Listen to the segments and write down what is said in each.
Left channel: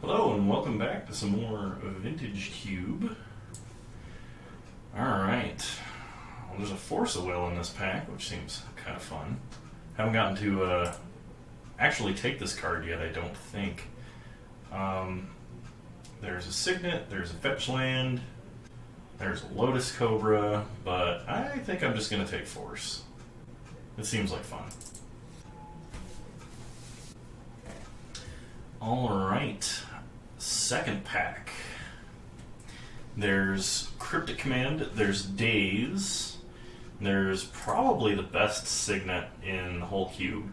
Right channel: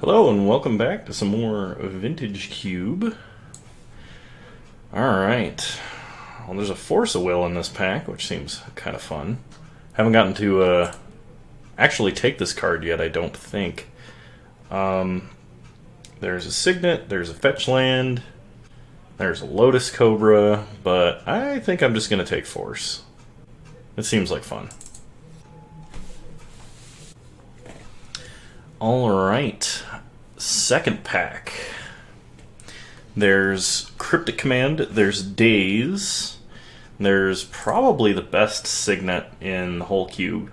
Hello and welcome back to some more Vintage Cube. Alright. Well, there's a Force of Will in this pack, which seems kind of fun. Haven't gotten to actually take this card yet, I don't think. There's a Signet, there's a Fetch Land, there's a Lotus Cobra, but I think I'm just going to take Force. It seems like fun. Alright, second pack. There's Cryptic Command, there's Daze, there's probably the best Signet in the whole cube,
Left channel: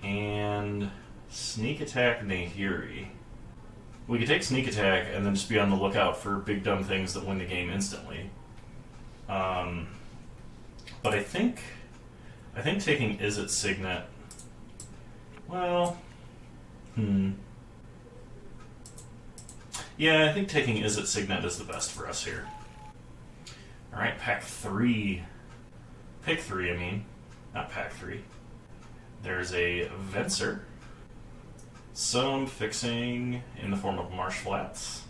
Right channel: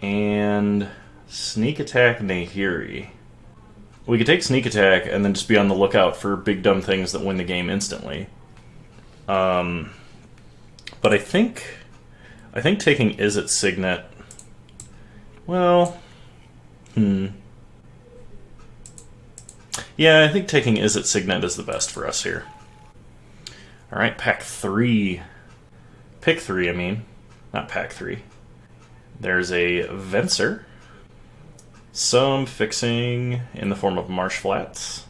and Sneak Attack Nahiri. We could take Sneak Attack and then just be on the lookout for big dumb things that win the game instantly. But I think taking Izzet Signet, well... Yeah, I think taking Izzet Signet is the best for us here. Alright, pack 3. Pick 3, I mean. Not pack 3. There's a Venser. Some fixing in the form of Marsh Flats.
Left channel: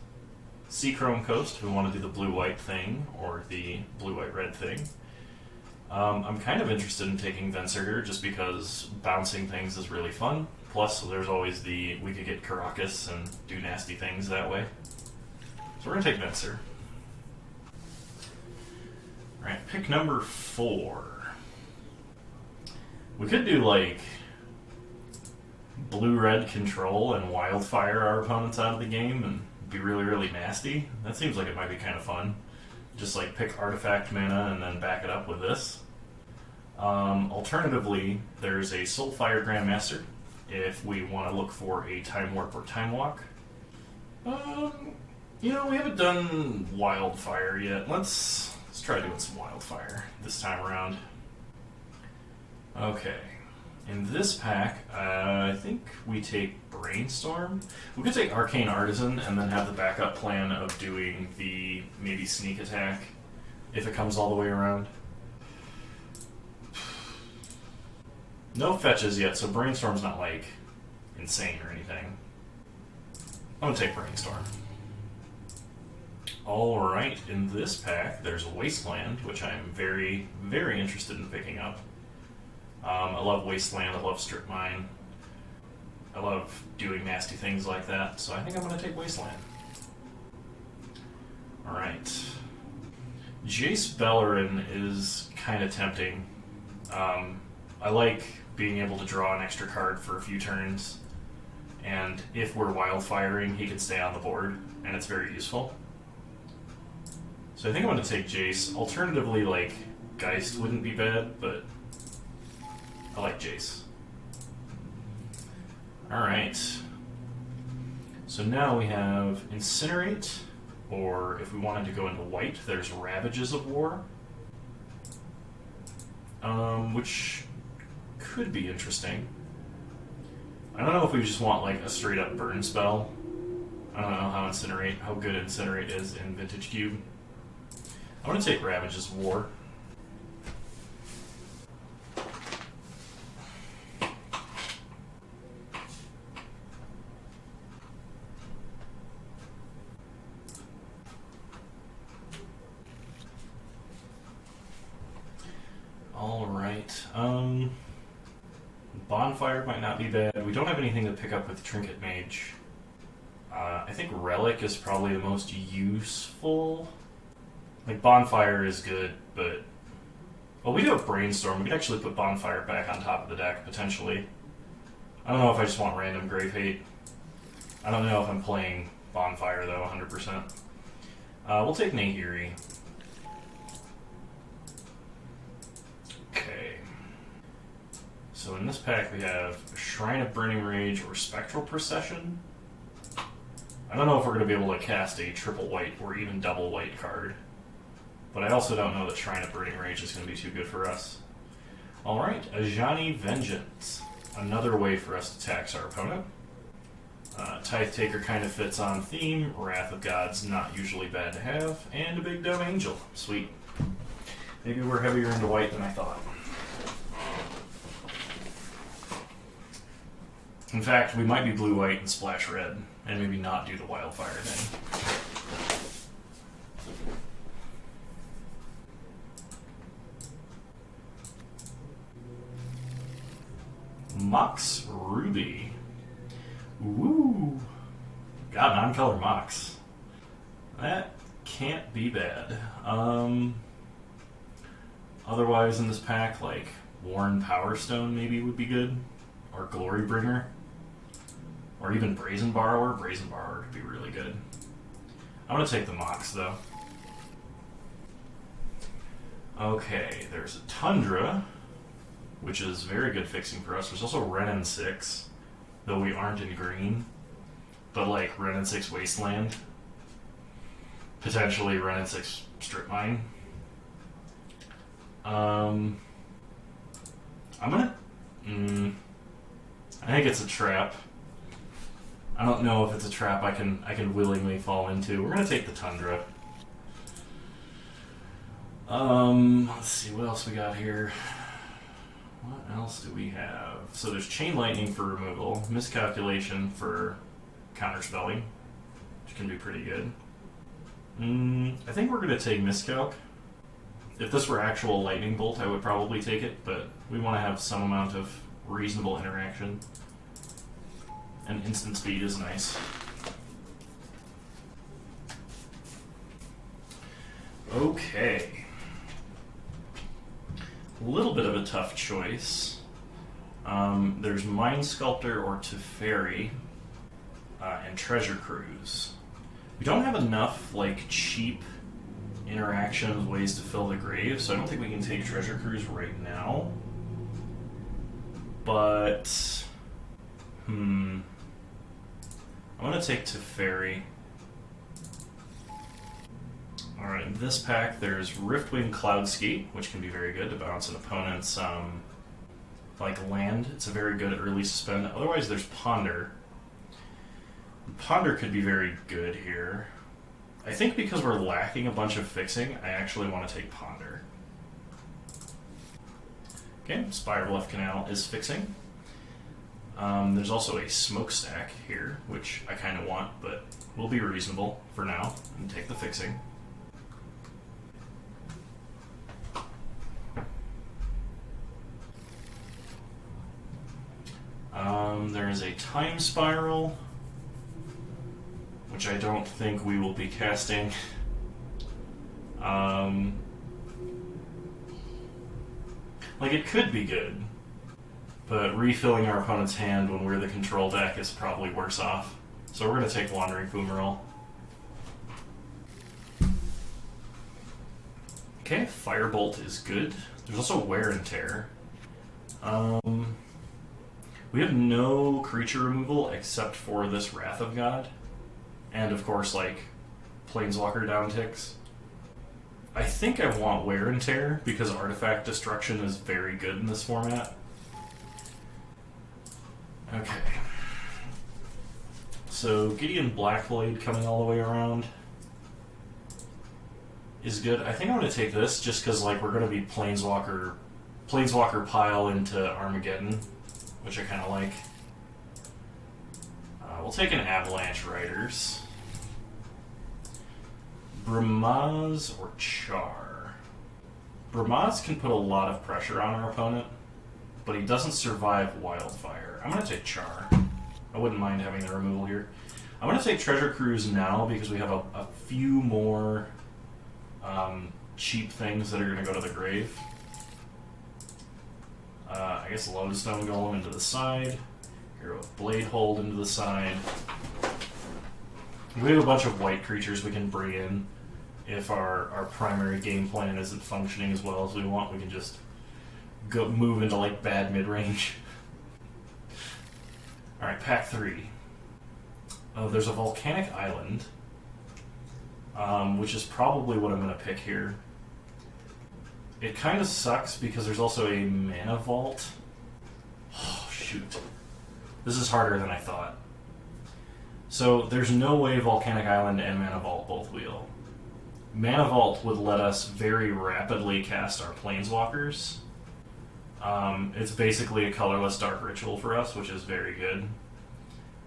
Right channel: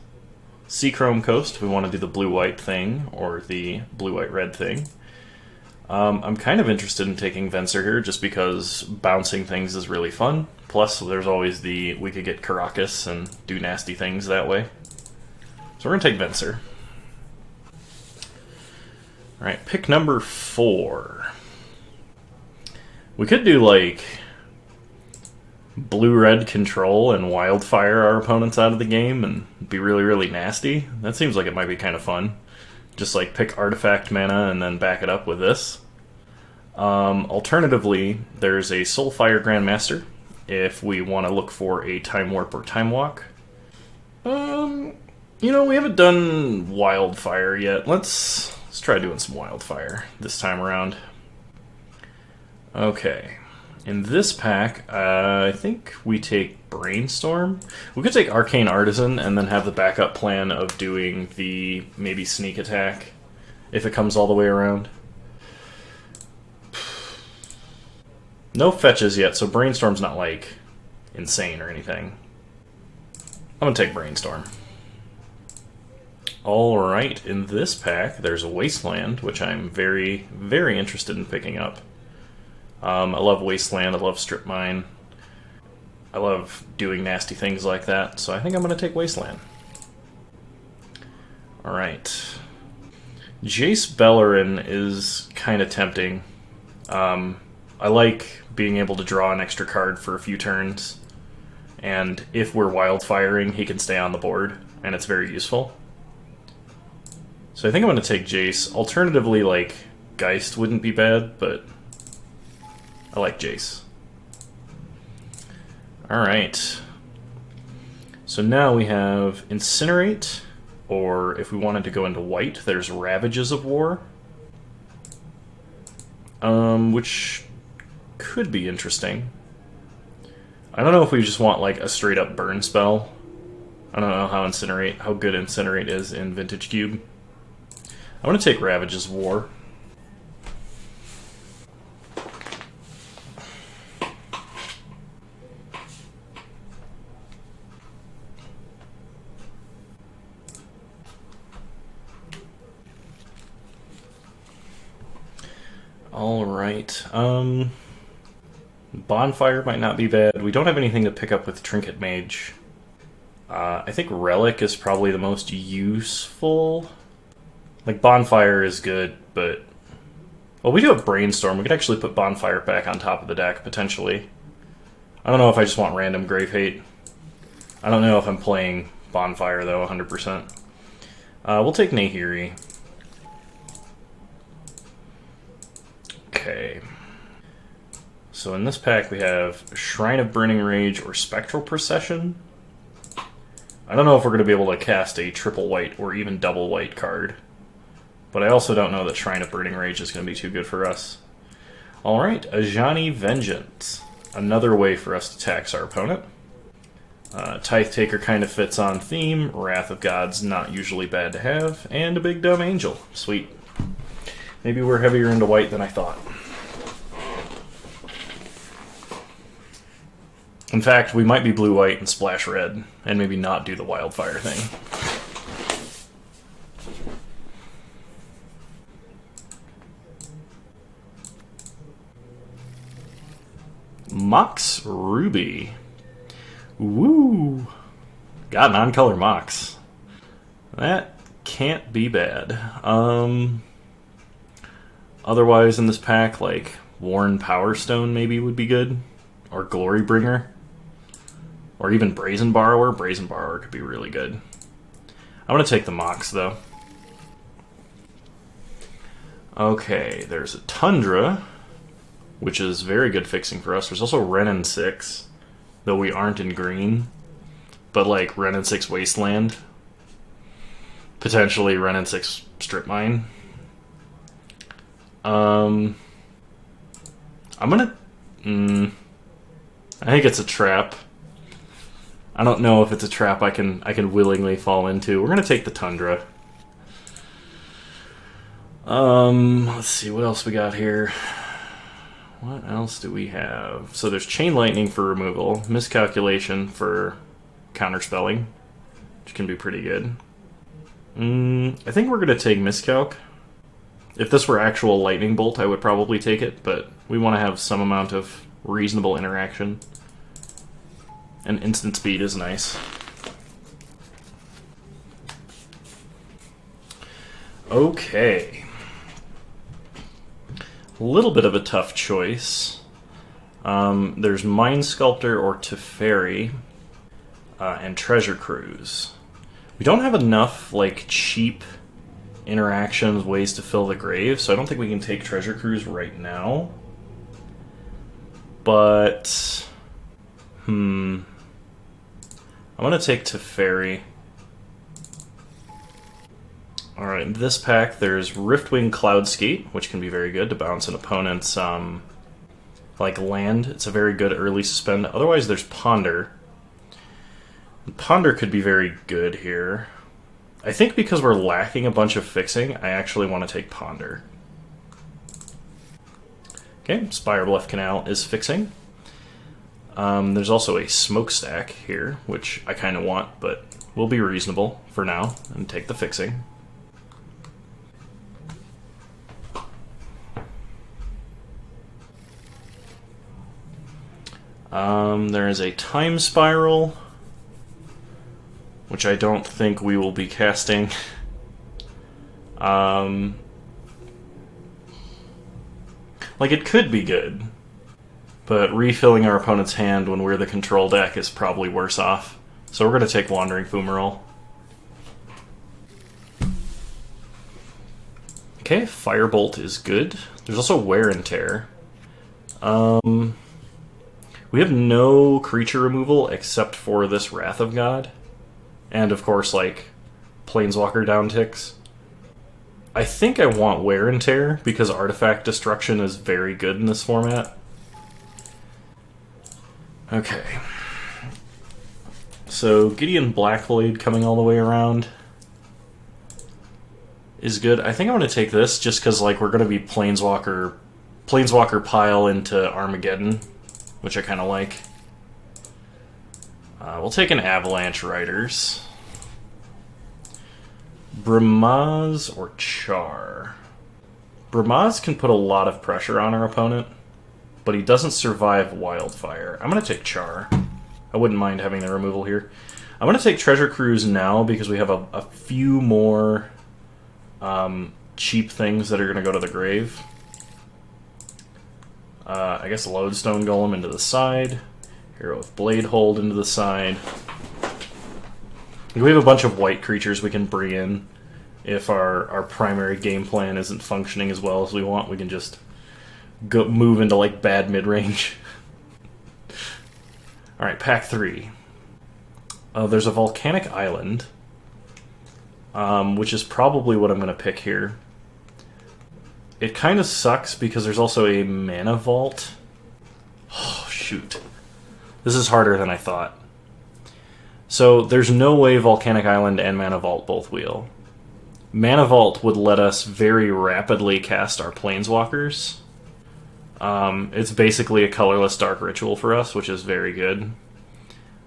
Seachrome Coast, if we want to do the blue-white thing, or the blue-white-red thing. I'm kind of interested in taking Venser here, just because bouncing things is really fun. Plus, there's always we could get Caracas and do nasty things that way. So we're going to take Venser. Alright, pick number 4. We could do, like, blue-red control and wildfire our opponents out of the game and be really, really nasty. That seems like it might be kind of fun. Just, like, pick artifact mana and then back it up with this. Alternatively, there's a Soulfire Grandmaster, if we want to look for a Time Warp or Time Walk. You know, we haven't done Wildfire yet. Let's try doing some Wildfire this time around. Okay. In this pack, I think we take Brainstorm. We could take Arcane Artisan and then have the backup plan of doing the maybe Sneak Attack if it comes all the way around. No fetches yet, so Brainstorm's not, like, insane or anything. I'm gonna take Brainstorm. Alright, in this pack, there's a Wasteland, which I'm very, very interested in picking up. I love Wasteland, I love Strip Mine. I love doing nasty things like that, so I think I'm gonna take Wasteland. Alright. Jace Beleren is kind of tempting. I like being able to draw an extra card for a few turns, and if we're wildfiring, he can stay on the board, and it's very useful. So I think I'm going to take Jace. Alternatively, like, Geist wouldn't be bad, but I like Jace. Alright. So now we have Incinerate, or if we wanted to go into white, there's Ravages of War. Which could be interesting. I don't know if we just want, like, a straight-up burn spell. I don't know how good Incinerate is in Vintage Cube. I want to take Ravages of War. Alright, Bonfire might not be bad. We don't have anything to pick up with Trinket Mage. I think Relic is probably the most useful. Like, Bonfire is good, but... Well, we do have Brainstorm. We could actually put Bonfire back on top of the deck, potentially. I don't know if I just want random Grave Hate. I don't know if I'm playing Bonfire, though, 100%. We'll take Nahiri. Okay. So in this pack we have Shrine of Burning Rage or Spectral Procession. I don't know if we're going to be able to cast a triple white or even double white card. But I also don't know that Shrine of Burning Rage is going to be too good for us. Alright, Ajani Vengeance. Another way for us to tax our opponent. Tithe Taker kind of fits on theme. Wrath of God's not usually bad to have. And a Big Dumb Angel. Sweet. Maybe we're heavier into white than I thought. In fact, we might be blue-white and splash red, and maybe not do the wildfire thing. Mox Ruby. Woo! Got non-color Mox. That can't be bad. Otherwise in this pack, like Worn Power Stone maybe would be good. Or Glory Bringer. Or even Brazen Borrower. Brazen Borrower could be really good. I'm going to take the Mox, though. Okay, there's a Tundra, which is very good fixing for us. There's also Renin 6, though we aren't in green. But like Renin 6 Wasteland. Potentially Renin 6 Strip Mine. I'm going to... I think it's a trap. I don't know if it's a trap I can willingly fall into. We're gonna take the Tundra. Let's see what else we got here. What else do we have? So there's Chain Lightning for removal, Miscalculation for counterspelling, which can be pretty good. I think we're gonna take Miscalc. If this were actual Lightning Bolt, I would probably take it, but we want to have some amount of reasonable interaction. And instant speed is nice. Okay. A little bit of a tough choice. There's Mind Sculptor or Teferi, and Treasure Cruise. We don't have enough, like, cheap interactions, ways to fill the grave, so I don't think we can take Treasure Cruise right now. But... I'm going to take Teferi. Alright, in this pack there's Riftwing Cloudskate, which can be very good to bounce an opponent's like land. It's a very good early suspend. Otherwise there's Ponder. Ponder could be very good here. I think because we're lacking a bunch of fixing, I actually want to take Ponder. Okay, Spire Bluff Canal is fixing. There's also a Smokestack here, which I kind of want, but we'll be reasonable for now and take the fixing. There is a Time Spiral, which I don't think we will be casting. Like, it could be good. But refilling our opponent's hand when we're the control deck is probably worse off. So we're going to take Wandering Fumarole. Okay, Firebolt is good. There's also Wear and Tear. We have no creature removal except for this Wrath of God. And of course, like, Planeswalker downticks. I think I want Wear and Tear because Artifact Destruction is very good in this format. Okay. So Gideon Blackblade coming all the way around is good. I think I'm going to take this just because, like, we're going to be Planeswalker pile into Armageddon, which I kind of like. We'll take an Avalanche Riders. Brimaz or Char. Brimaz can put a lot of pressure on our opponent, but he doesn't survive Wildfire. I'm going to take Char. I wouldn't mind having the removal here. I'm going to take Treasure Cruise now because we have a few more cheap things that are going to go to the grave. I guess Lodestone Golem into the side. Hero of Bladehold into the side. We have a bunch of white creatures we can bring in. If our primary game plan isn't functioning as well as we want, we can just move into, like, bad mid-range. Alright, pack 3. There's a Volcanic Island, which is probably what I'm going to pick here. It kind of sucks because there's also a Mana Vault. Oh, shoot. This is harder than I thought. So there's no way Volcanic Island and Mana Vault both wheel. Mana Vault would let us very rapidly cast our Planeswalkers. It's basically a colorless Dark Ritual for us, which is very good.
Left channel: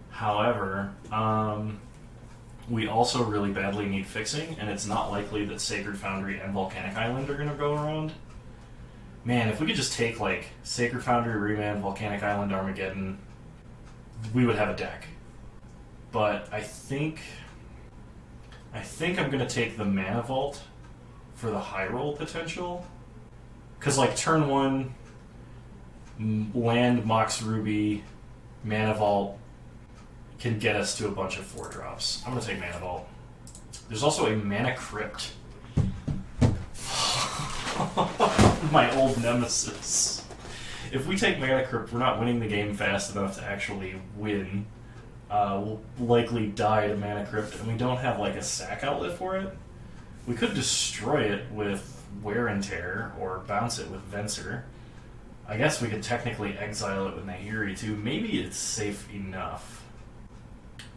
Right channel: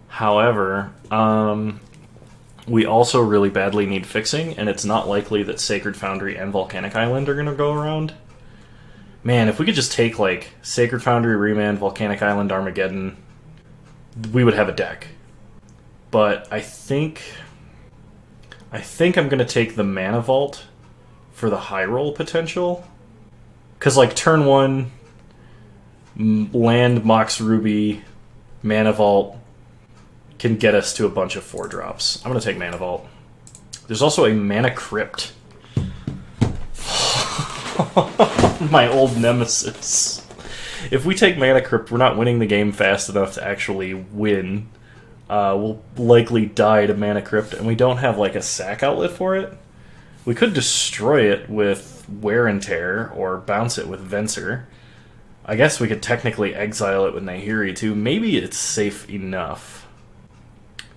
However, we also really badly need fixing, and it's not likely that Sacred Foundry and Volcanic Island are going to go around. Man, if we could just take, like, Sacred Foundry, Remand, Volcanic Island, Armageddon, we would have a deck. But I think I'm going to take the Mana Vault for the high roll potential. Because, like, turn 1, land Mox Ruby, Mana Vault can get us to a bunch of 4-drops. I'm going to take Mana Vault. There's also a Mana Crypt. My old nemesis. If we take Mana Crypt, we're not winning the game fast enough to actually win. We'll likely die to Mana Crypt, and we don't have like a sack outlet for it. We could destroy it with Wear and Tear, or bounce it with Venser. I guess we could technically exile it with Nahiri too. Maybe it's safe enough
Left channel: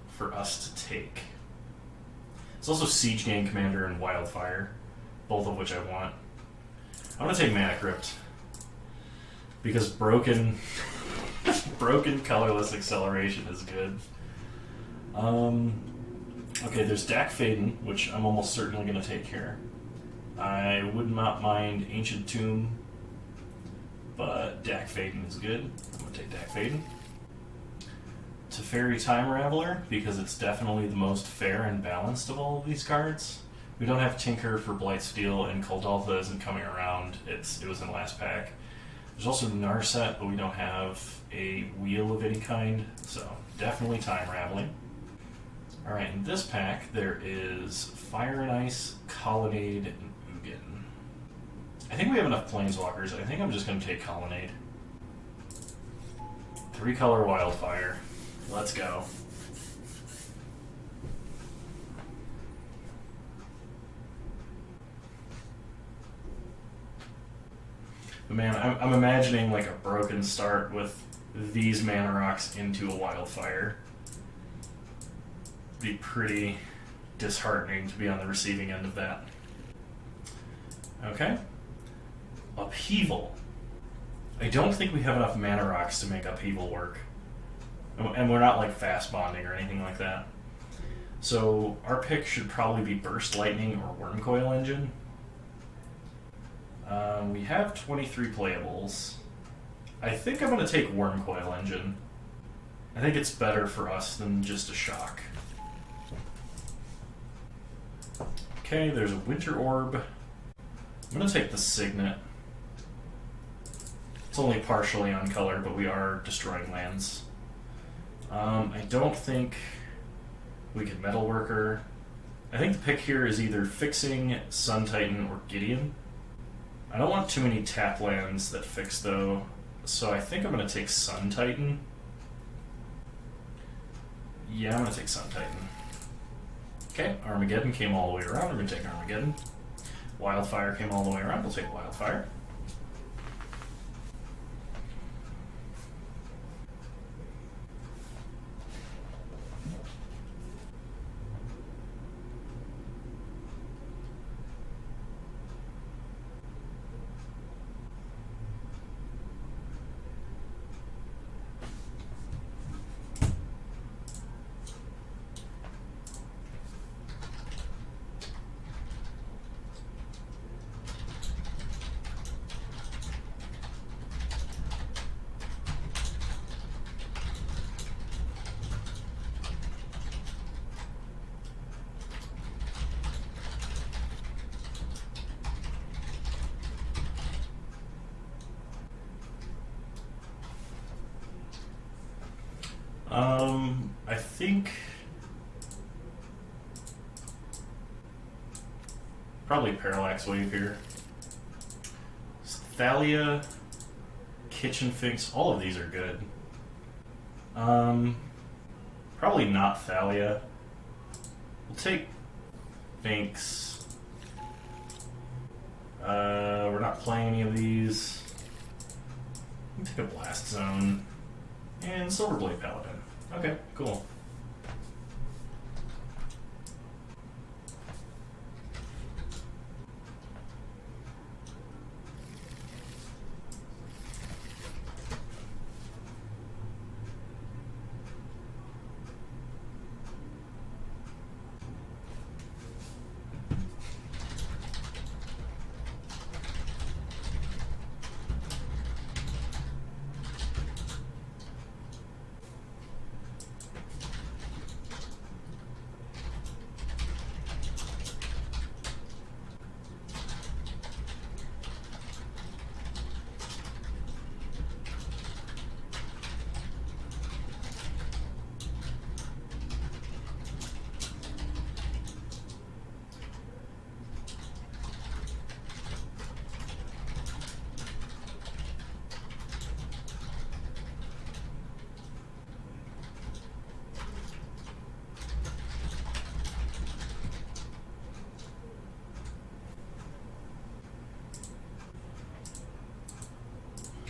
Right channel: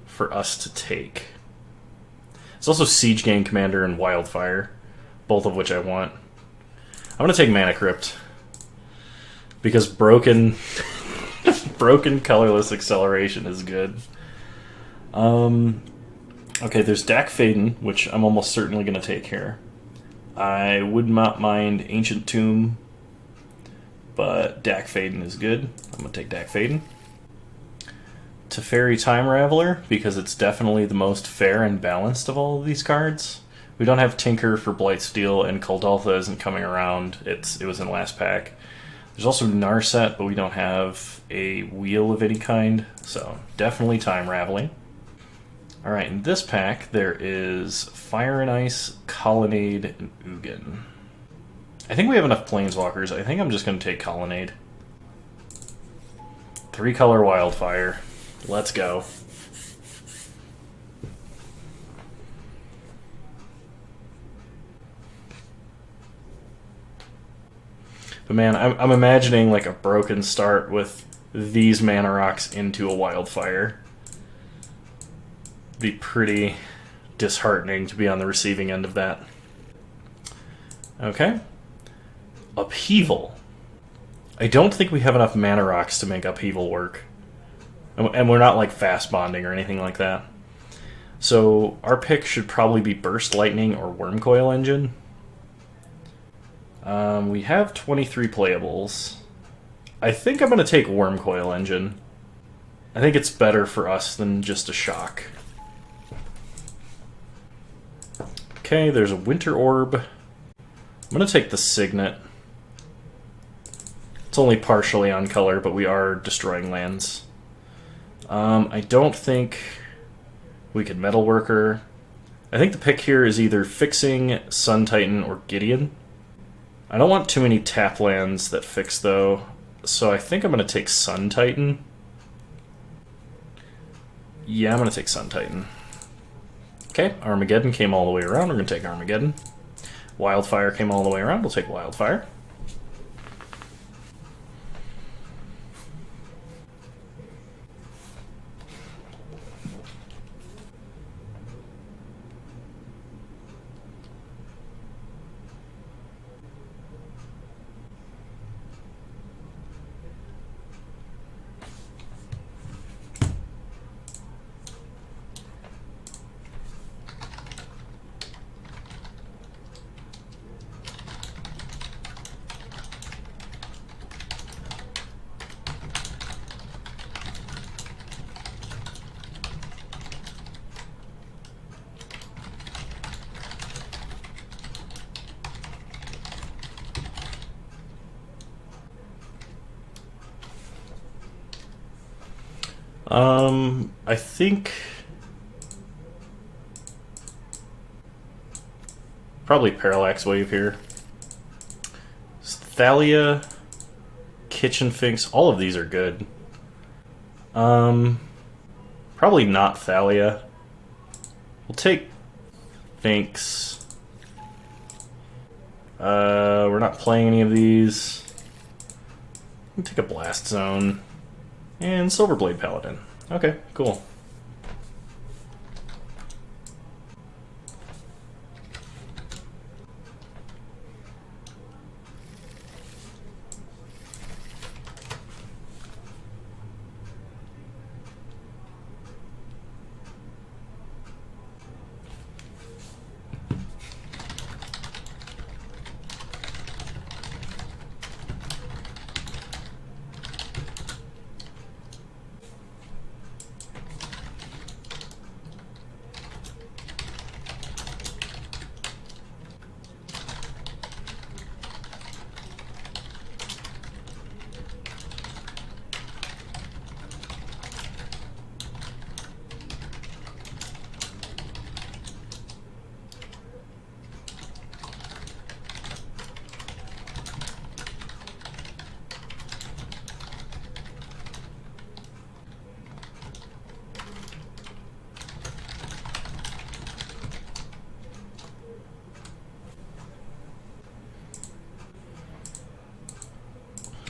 for us to take. It's also Siege Gang Commander and Wildfire, both of which I want. I'm going to take Mana Crypt, because broken colorless acceleration is good. Okay, there's Dak Faden, which I'm almost certainly going to take here. I would not mind Ancient Tomb, but Dak Faden is good. I'm going to take Dak Faden. Teferi Time Raveler, because it's definitely the most fair and balanced of all of these cards. We don't have Tinker for Blightsteel, and Kuldaltha isn't coming around. It was in last pack. There's also Narset, but we don't have a wheel of any kind, so definitely Time Raveling. Alright, in this pack there is Fire and Ice, Colonnade, and Ugin. I think we have enough Planeswalkers. I think I'm just going to take Colonnade. 3-color Wildfire. Let's go. But man, I'm imagining like a broken start with these mana rocks into a Wildfire. Be pretty disheartening to be on the receiving end of that. Okay. Upheaval. I don't think we have enough mana rocks to make Upheaval work. And we're not like fast bonding or anything like that. So our pick should probably be Burst Lightning or Wormcoil Engine. We have 23 playables. I think I'm going to take Wormcoil Engine. I think it's better for us than just a shock. Okay, there's a Winter Orb. I'm going to take the Signet. It's only partially on color, but we are destroying lands. I don't think we could Metalworker. I think the pick here is either Fixing, Sun Titan, or Gideon. I don't want too many tap lands that fix, though, so I think I'm going to take Sun Titan. Yeah, I'm going to take Sun Titan. Okay, Armageddon came all the way around. We're going to take Armageddon. Wildfire came all the way around. We'll take Wildfire. I think probably Parallax Wave here. Thalia, Kitchen Finks, all of these are good. Probably not Thalia. We'll take Finks. We're not playing any of these. We'll take a Blast Zone. And Silverblade Paladin. Okay, cool.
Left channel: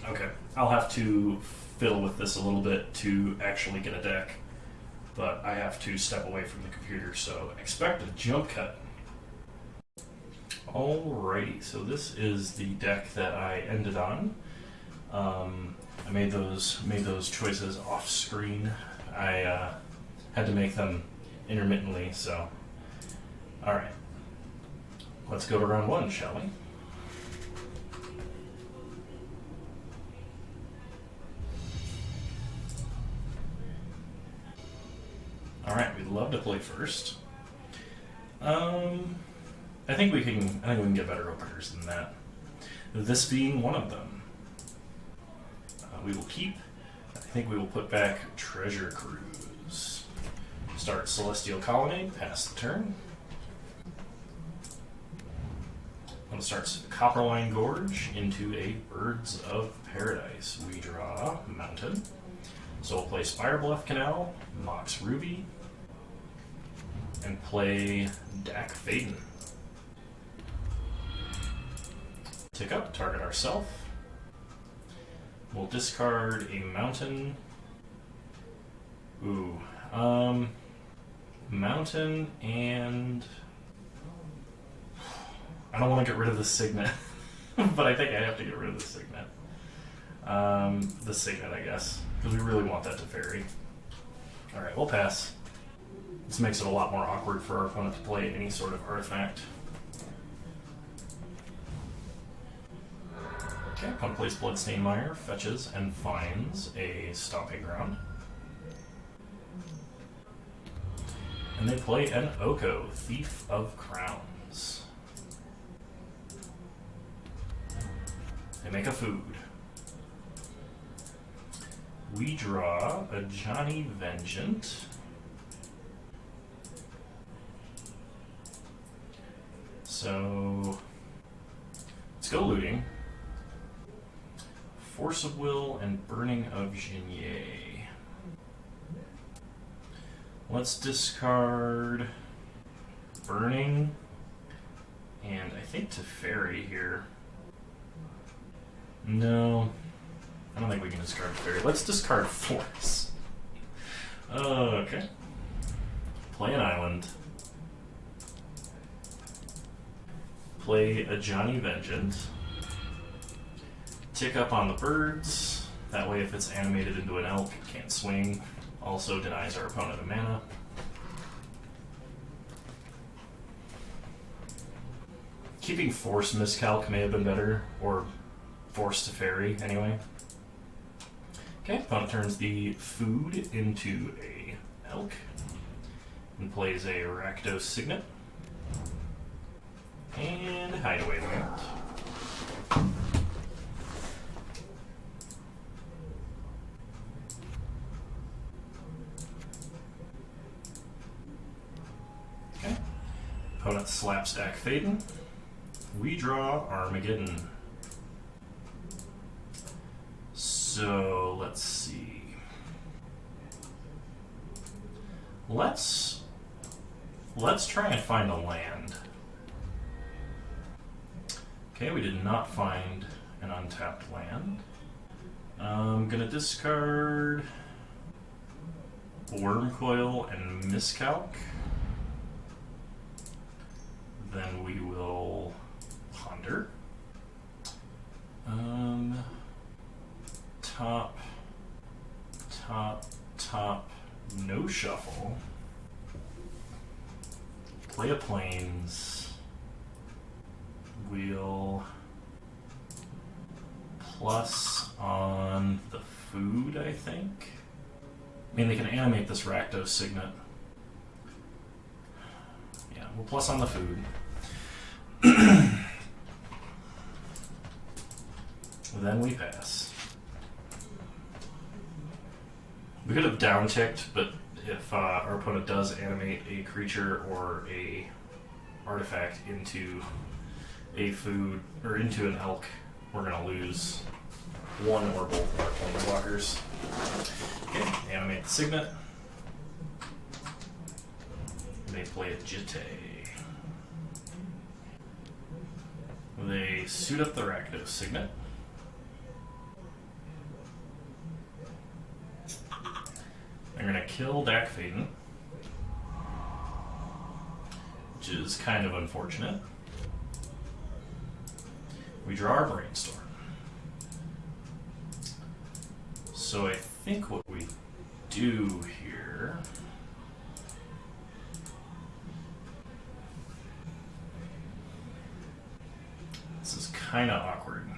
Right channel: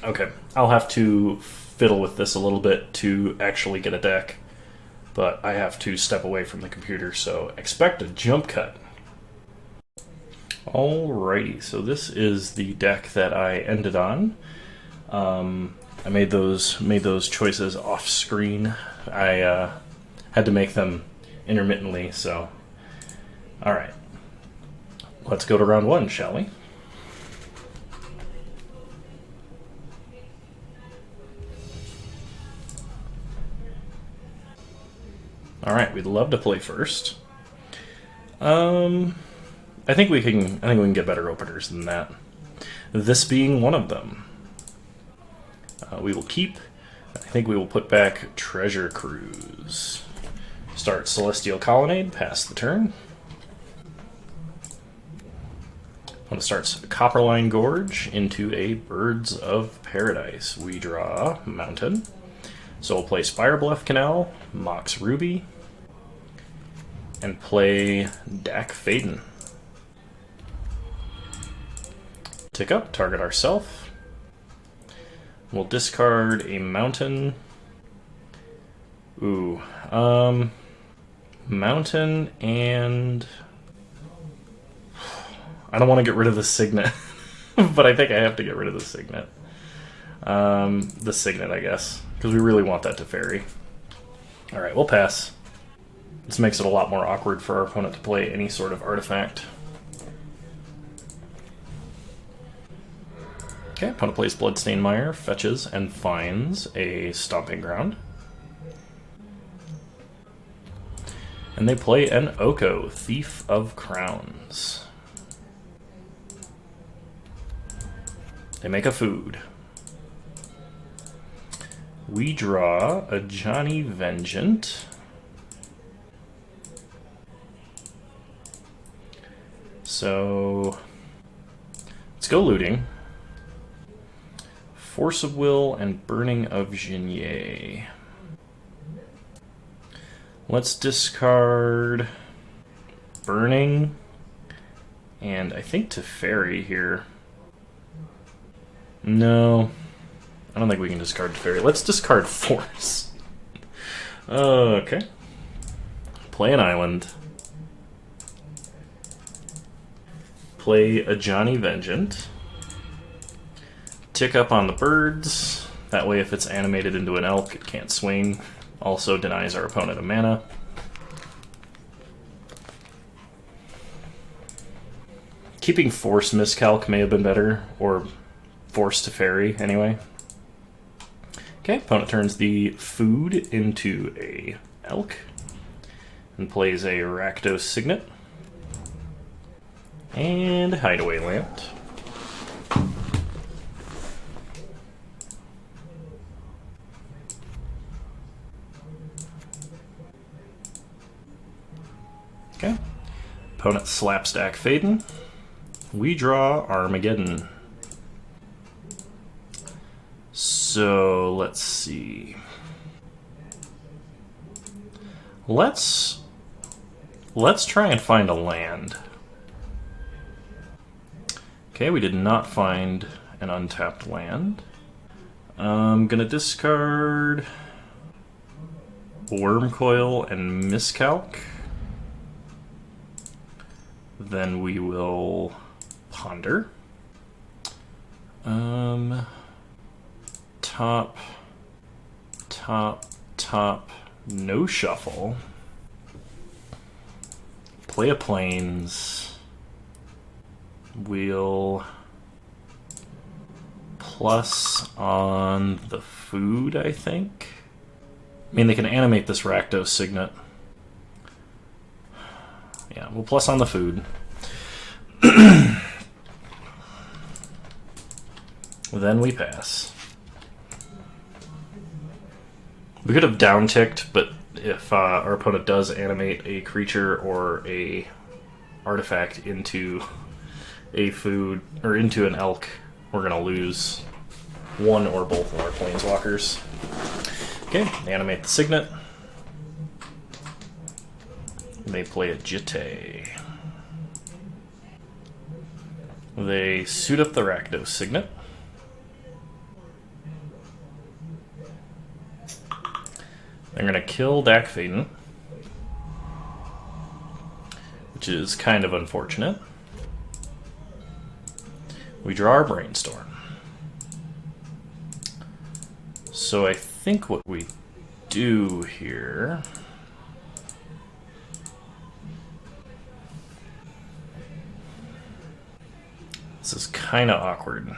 Okay, I'll have to fiddle with this a little bit to actually get a deck, but I have to step away from the computer, so expect a jump cut. Alrighty, so this is the deck that I ended on. I made those choices off screen. I had to make them intermittently, so alright. Let's go to round one, shall we? Alright, we'd love to play first. I think we can get better openers than that. This being one of them. We will keep. I think we will put back Treasure Cruise. Start Celestial Colonnade, pass the turn. When it starts Copperline Gorge into a Birds of Paradise. We draw Mountain. So we'll play Spire Bluff Canal, Mox Ruby, and play Dak Faden. Tick up, target ourself. We'll discard a mountain. Ooh, mountain and I don't want to get rid of the Signet, but I think I have to get rid of the Signet. The Signet, I guess, because we really want that to fairy. All right, we'll pass. This makes it a lot more awkward for our opponent to play any sort of artifact. Okay, opponent plays Bloodstained Mire, fetches, and finds a Stomping Ground. And they play an Oko, Thief of Crowns. They make a food. We draw a Johnny Vengeant. So let's go looting. Force of Will and Burning of Genier. Let's discard Burning and I think Teferi here. No, I don't think we can discard Teferi. Let's discard Force. Okay. Play an island. Play a Johnny Vengeant. Tick up on the birds. That way if it's animated into an elk, it can't swing. Also denies our opponent a mana. Keeping Force Miscalc may have been better, or Force Teferi anyway. Okay, opponent turns the food into a elk and plays a Rakdos Signet and Hideaway Land. Okay, opponent slaps Dak Faden. We draw Armageddon. So let's see. Let's try and find a land. Okay, we did not find an untapped land. I'm gonna discard Wormcoil and Miscalc. Then we will ponder. Top, no shuffle. Play a plains. We'll plus on the food, I think. I mean, they can animate this Rakdos Signet. Yeah, we'll plus on the food. Then we pass. We could have down-ticked, but if our opponent does animate a creature or a artifact into a food, or into an elk, we're going to lose one or both of our planeswalkers. Okay, animate the Signet. They play a Jitte. They suit up the Rakdos Signet. They're going to kill Dak Faden, which is kind of unfortunate. We draw our Brainstorm. So I think what we do here... This is kind of awkward.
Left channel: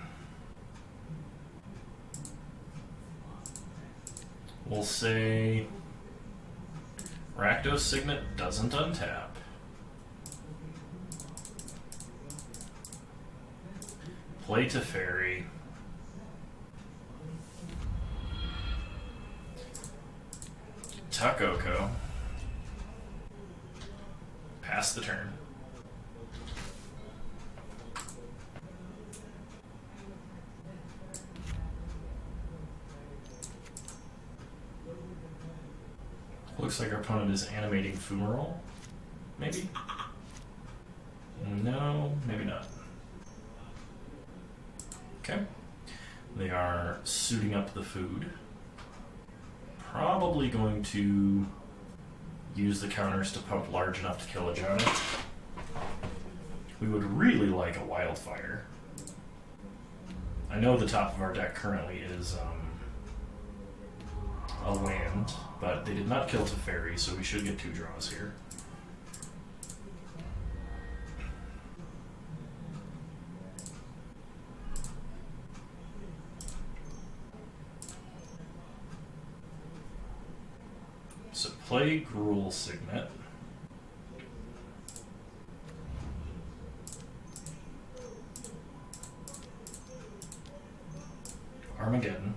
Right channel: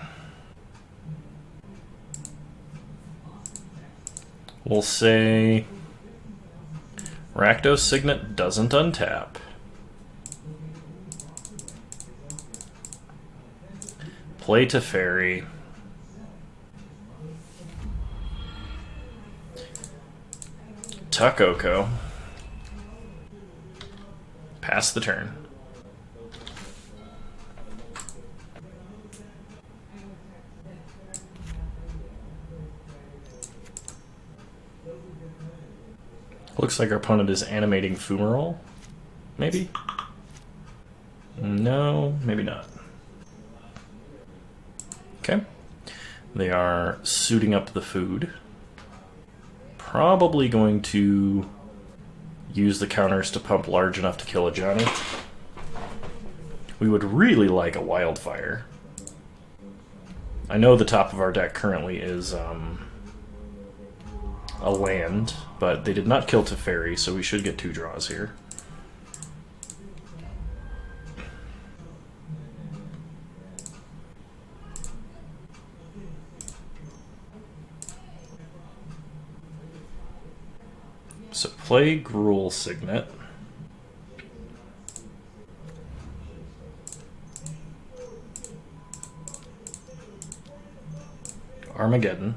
We'll say Rakdos Signet doesn't untap. Play Teferi. Tuck Oko. Pass the turn. Looks like our opponent is animating Fumarole. Maybe? No, maybe not. Okay. They are suiting up the food. Probably going to use the counters to pump large enough to kill a Johnny. We would really like a Wildfire. I know the top of our deck currently is a land, but they did not kill Teferi, so we should get 2 draws here. So play Gruul Signet. Armageddon.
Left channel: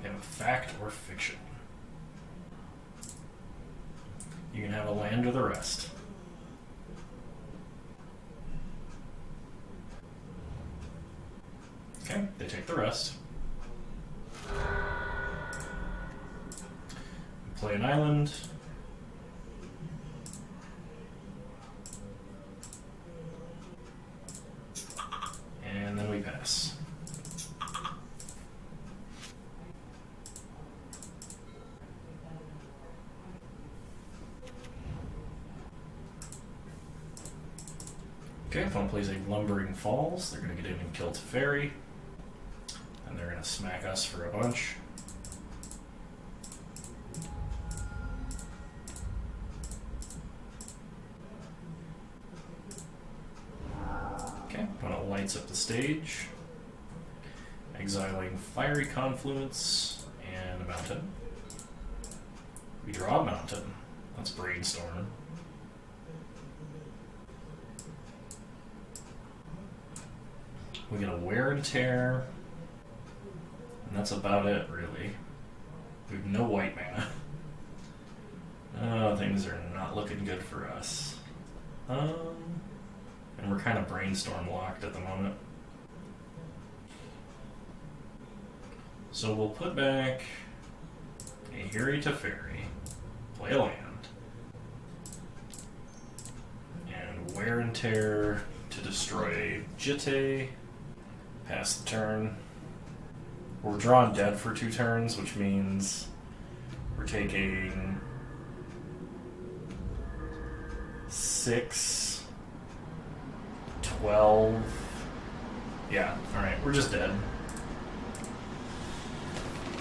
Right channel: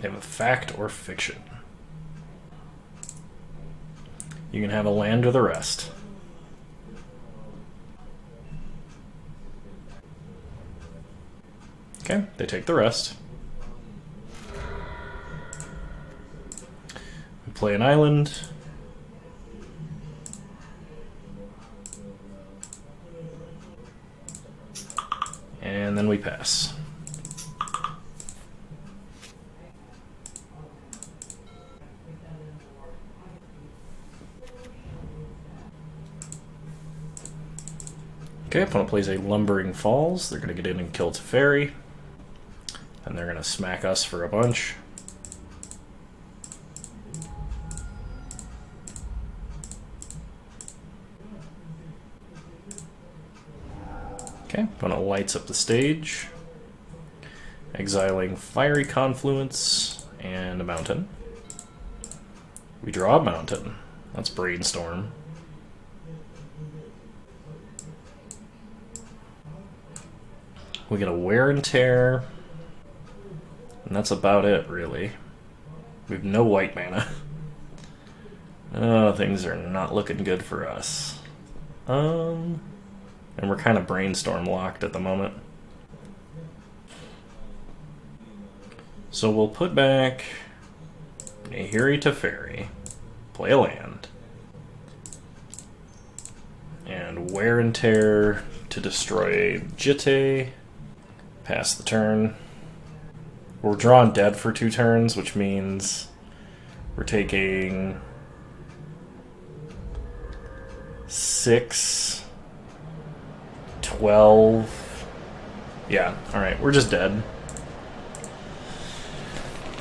They have a fact or fiction. You can have a land or the rest. Okay, they take the rest. We play an island. And then we pass. Okay, opponent plays a Lumbering Falls. They're going to get in and kill Teferi. And they're going to smack us for a bunch. Okay, opponent lights up the stage. Exiling Fiery Confluence and a mountain. We draw a mountain. That's Brainstorm. We get a Wear and Tear. And that's about it, really. We have no white mana. Oh, things are not looking good for us. And we're kind of Brainstorm locked at the moment. So we'll put back a Nahiri Teferi, play a land, and Wear and Tear to destroy Jitte, pass the turn. We're drawing dead for 2 turns, which means we're taking 6, 12. Yeah, alright, we're just dead.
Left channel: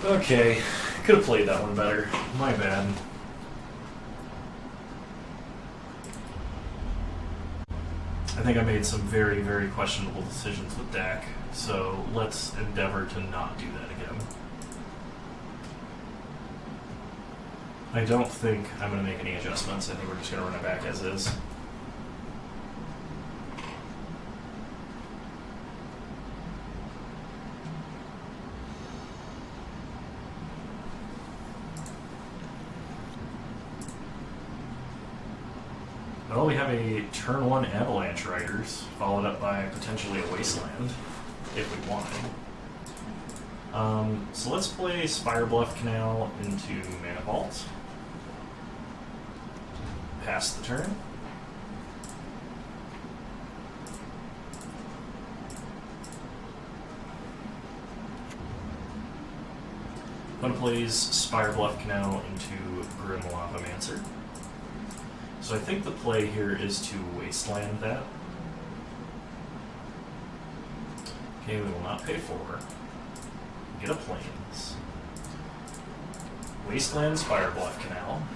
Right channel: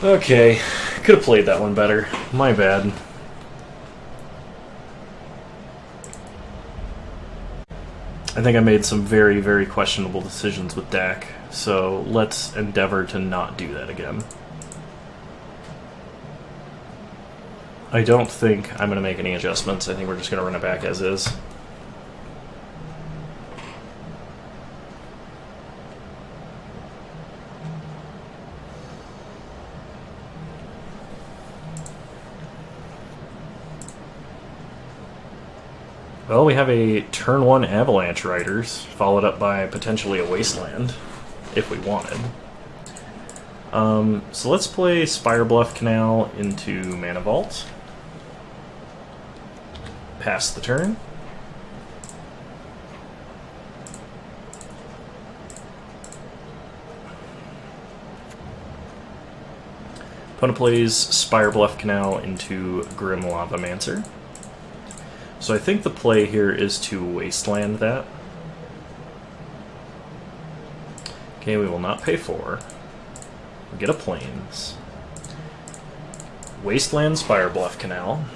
Okay, could have played that one better. My bad. I think I made some very, very questionable decisions with Dak, so let's endeavor to not do that again. I don't think I'm going to make any adjustments. I think we're just going to run it back as is. Well, we have a turn 1 Avalanche Riders, followed up by potentially a Wasteland, if we wanted. So let's play Spire Bluff Canal into Mana Vault. Pass the turn. Opponent plays Spire Bluff Canal into Grim Lavamancer. So I think the play here is to wasteland that. Okay, we will not pay 4. We get a Plains. Wasteland Spire Bluff Canal.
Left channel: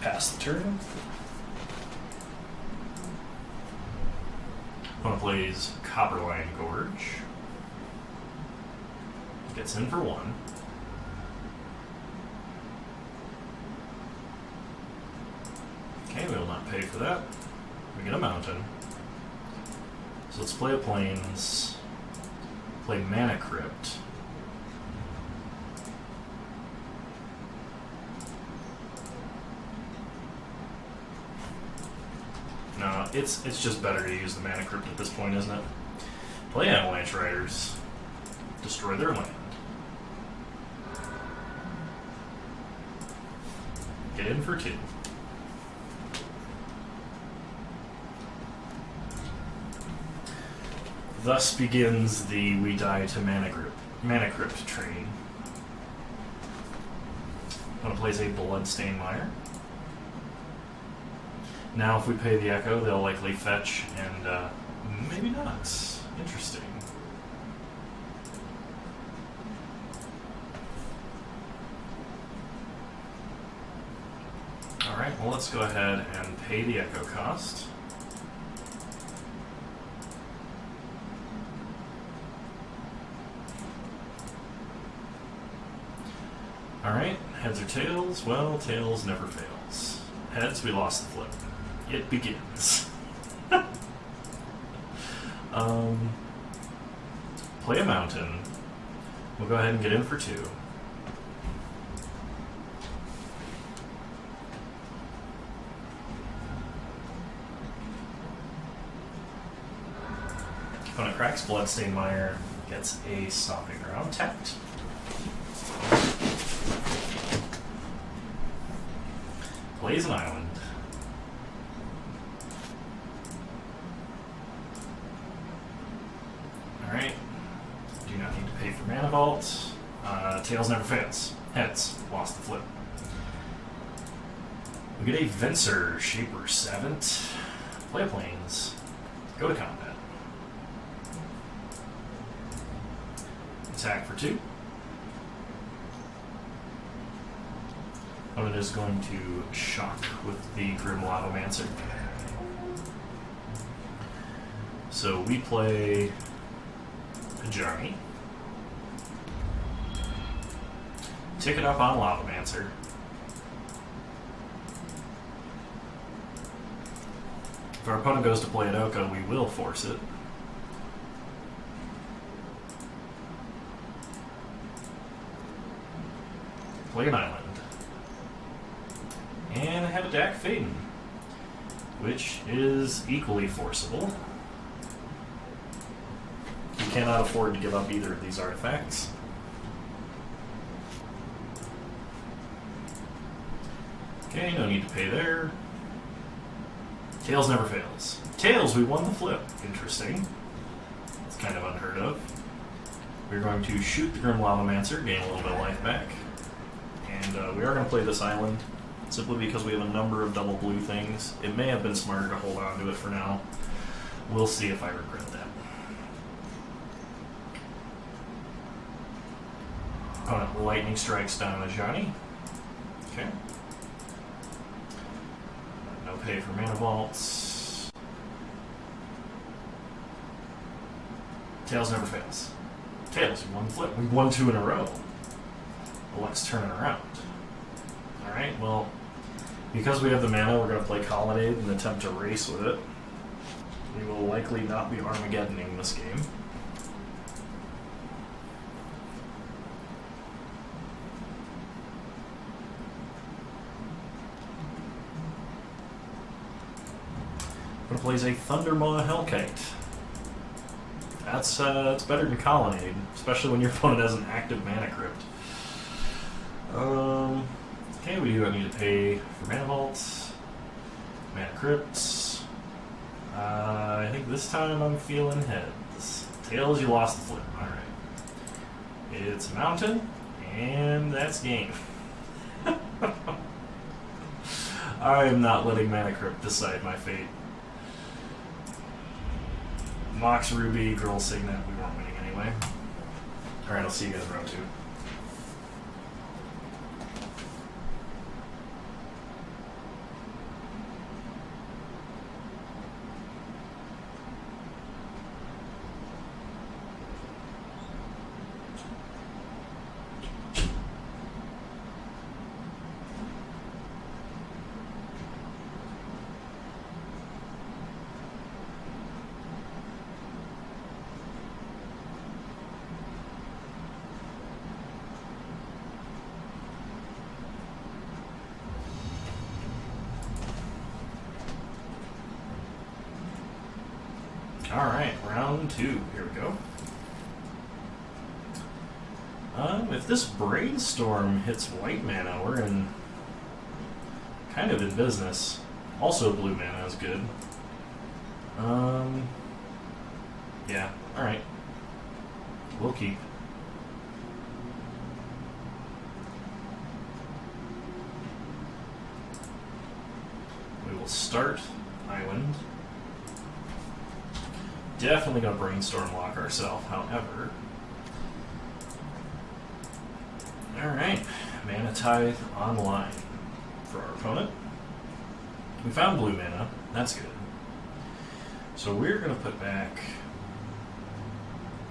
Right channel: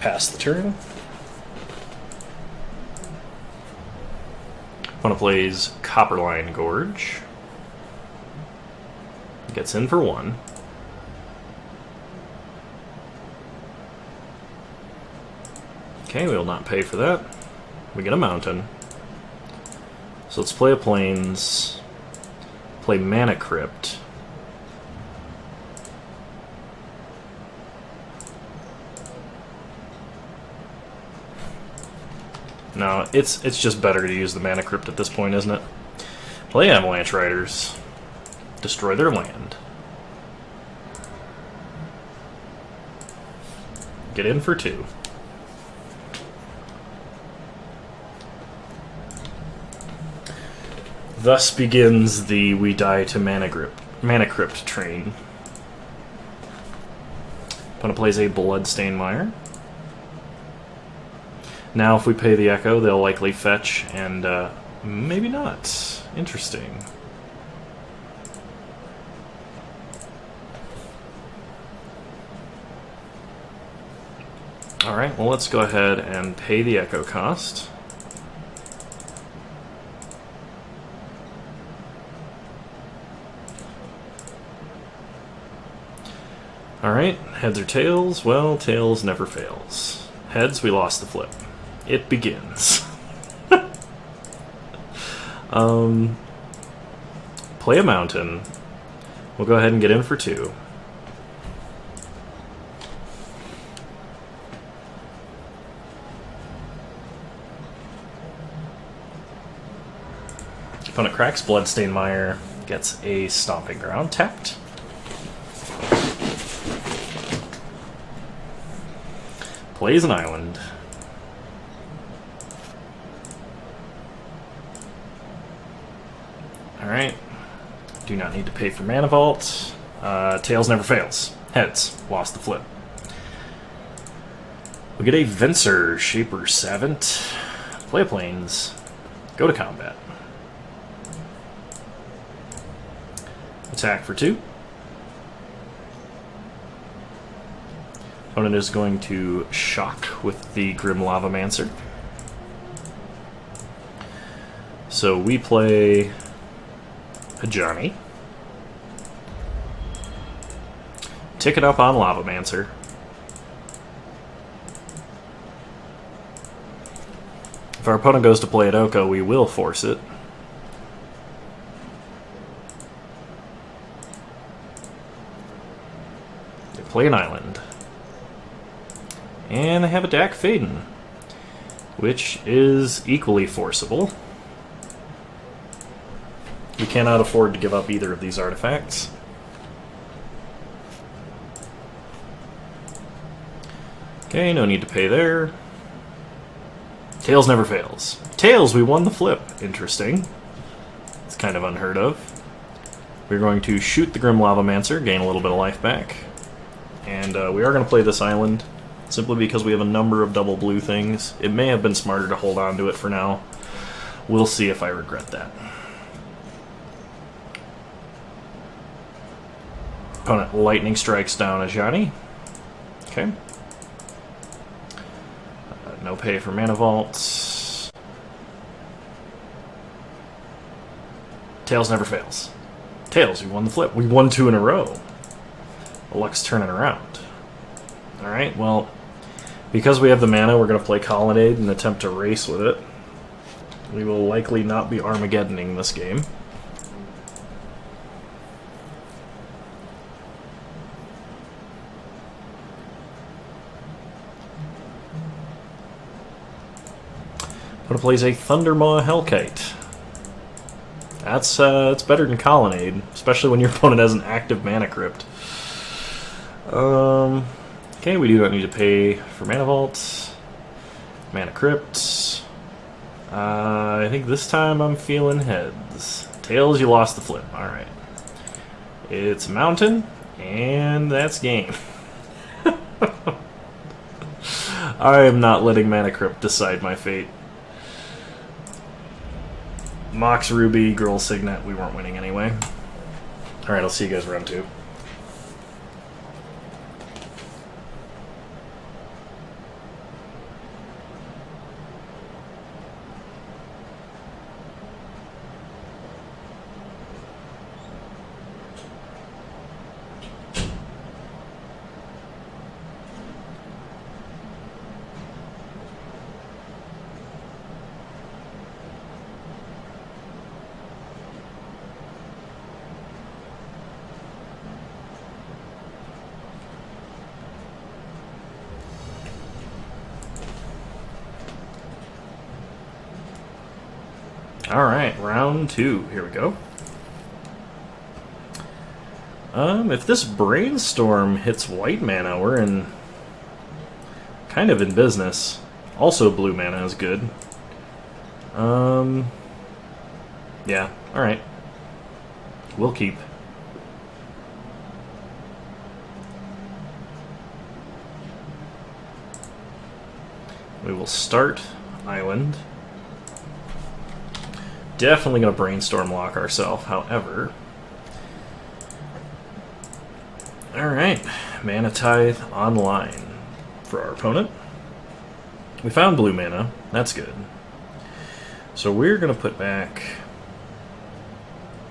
Pass the turn. Opponent plays Copperline Gorge. Gets in for 1. Okay, we will not pay for that. We get a mountain. So let's play a Plains. Play Mana Crypt. No, it's just better to use the Mana Crypt at this point, isn't it? Play Avalanche Riders. Destroy their land. Get in for 2. Thus begins the we die to Mana Crypt train. Opponent plays a Bloodstained Mire. Now if we pay the Echo, they'll likely fetch, and maybe not. Interesting. Alright, well let's go ahead and pay the Echo cost. Alright, heads or tails? Well, tails never fails. Heads, we lost the flip. It begins. Play a mountain. We'll go ahead and get in for 2. Opponent cracks Bloodstained Mire, gets a Stomping Ground tapped. Plays an island. Alright. Do not need to pay for Mana Vault. Tails never fails. Heads. Lost the flip. We get a Venser, Shaper Savant. Play a Plains. Go to combat. Attack for 2. Opponent is going to shock with the Grim Lavamancer. So we play a Johnny. Tick it up on Lavamancer. If our opponent goes to play an Oko, we will force it. Play an island. And I have a Dak Faden, which is equally forcible. You cannot afford to give up either of these artifacts. Okay, no need to pay there. Tails never fails. Tails, we won the flip. Interesting. It's kind of unheard of. We're going to shoot the Grim Lavamancer, gain a little bit of life back. And we are going to play this island, simply because we have a number of double blue things. It may have been smarter to hold on to it for now. We'll see if I regret that. Opponent lightning strikes down a Johnny. Okay. No pay for Mana Vaults. Tails never fails. Tails, we won the flip. We won 2 in a row. The luck's turning around. Alright, well, because we have the mana, we're going to play Colonnade and attempt to race with it. We will likely not be Armageddoning this game. Opponent plays a Thundermaw Hellkite. That's it's better than Colonnade, especially when your opponent has an active Mana Crypt. Okay, we do not need to pay for Mana Vaults, Mana Crypts. I think this time I'm feeling heads. Tails, you lost the flip. Alright. It's Mountain. And that's game. I am not letting Mana Crypt decide my fate. Mox Ruby, Girl Signet, we weren't winning anyway. Alright, I'll see you guys round 2. Alright, round 2. Here we go. If this Brainstorm hits white mana, we're kind of in business. Also blue mana is good. Yeah, alright. We'll keep. We will start Island. Definitely gonna Brainstorm lock ourselves, however. Alright, Mana Tithe online for our opponent. We found blue mana, that's good. So we're gonna put back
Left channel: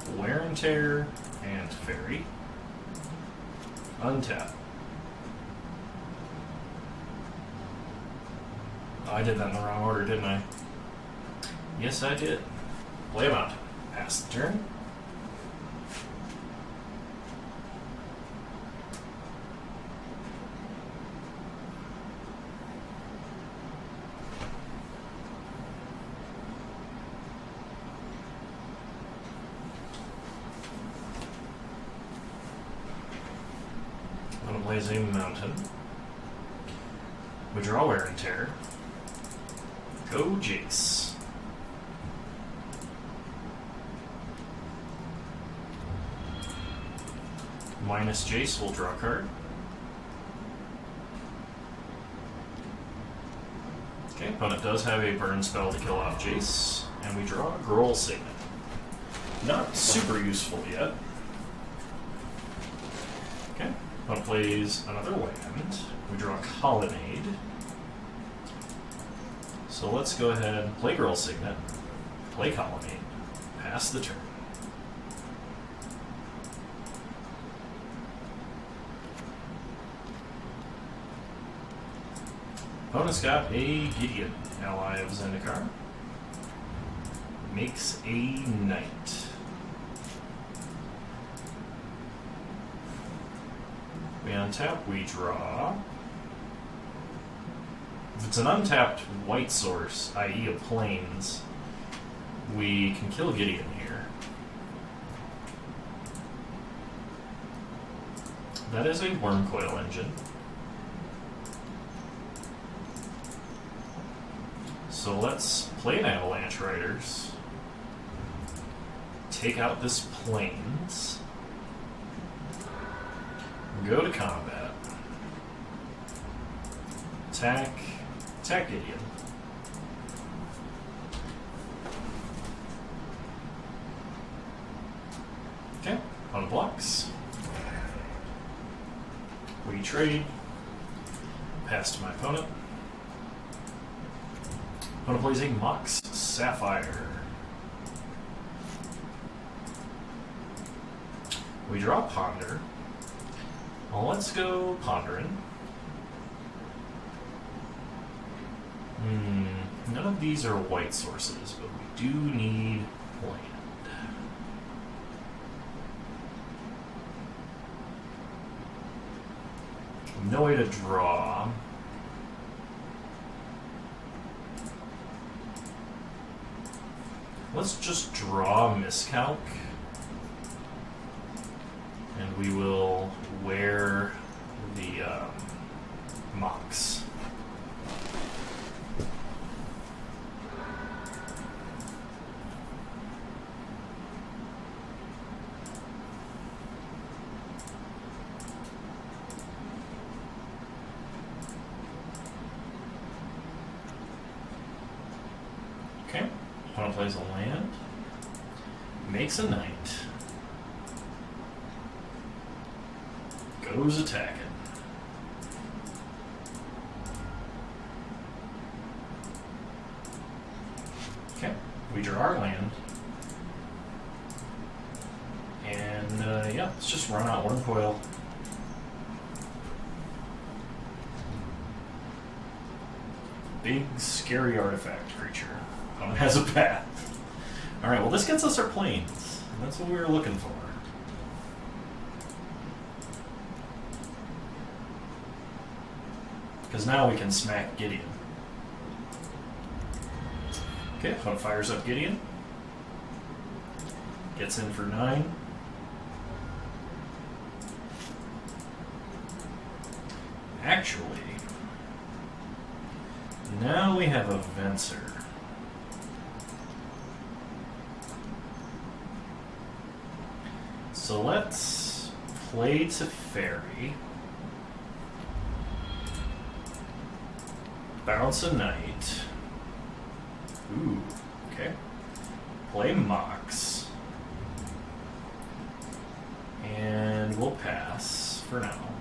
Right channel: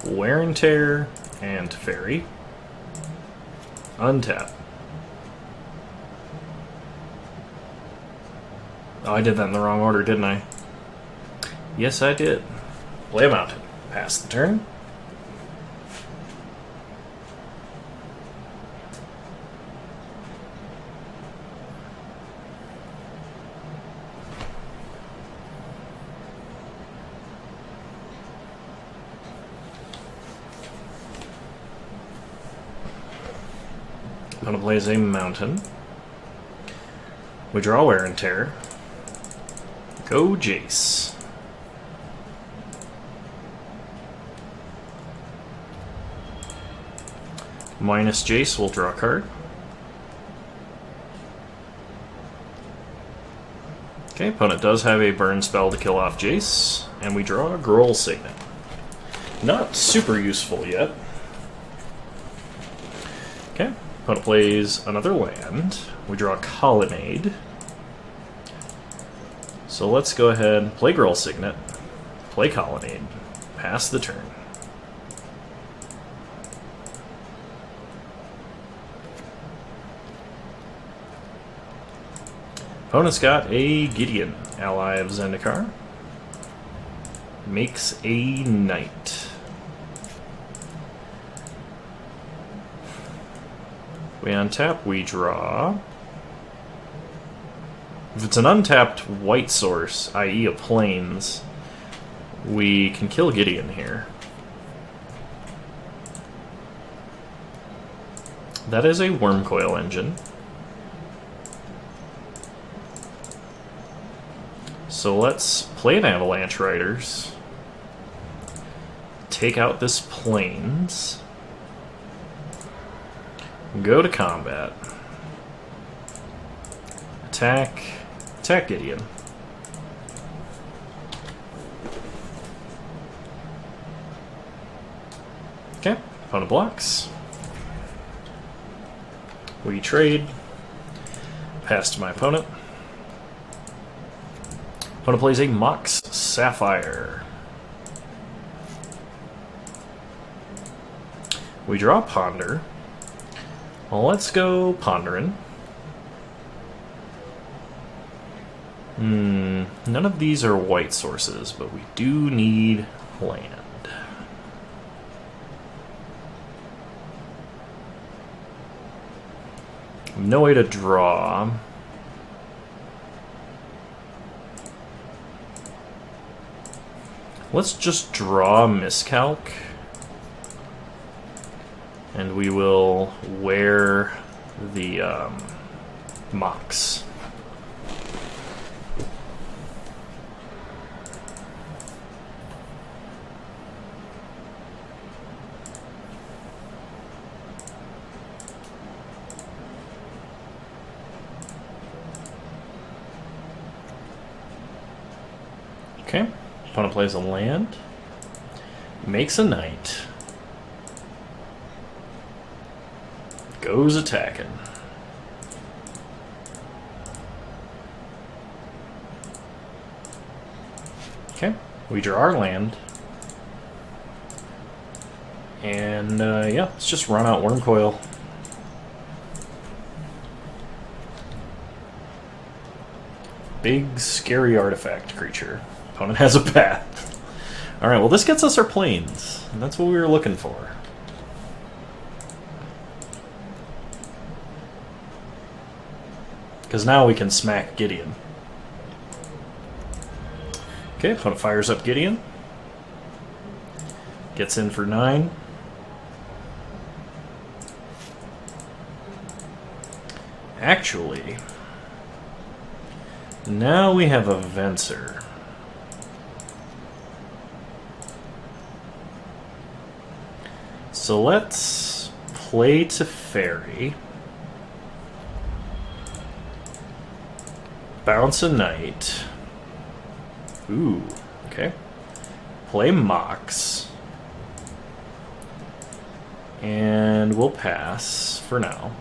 Wear and Tear and Fairy. Untap. Oh, I did that in the wrong order, didn't I? Yes, I did. Play a mountain. Pass the turn. I'm going to blaze a mountain. We draw Wear and Tear. Go Jace. Minus Jace, we'll draw a card. Okay, opponent does have a burn spell to kill off Jace, and we draw a Girl Signet. Not super useful yet. Okay, opponent plays another land. We draw a Colonnade. So let's go ahead, play Girl Signet, play Colonnade, pass the turn. Opponent's got a Gideon, ally of Zendikar. Makes a knight. We untap, we draw. If it's an untapped white source, i.e. a plains, we can kill Gideon here. That is a Wormcoil Engine. So let's play an Avalanche Riders. Take out this plains. Go to combat. Attack Gideon. Okay, opponent blocks. We trade. Pass to my opponent. Opponent plays a Mox Sapphire. We draw Ponder. Well, let's go Pondering. None of these are white sources, but we do need land. No way to draw. Let's just draw Miscalc. And we will wear the Mox. Okay. Opponent plays a land. Makes a knight. Goes attacking. Okay. We draw our land. And, yeah, let's just run out Worm Coil. Big, scary artifact creature. Opponent has a path. Alright, well this gets us our planes. And that's what we were looking for. Because now we can smack Gideon. Okay, opponent fires up Gideon. Gets in for 9. Actually, now we have a Venser. So let's play to Fairy. Bounce a Knight. Ooh, okay. Play Mox. And we'll pass for now.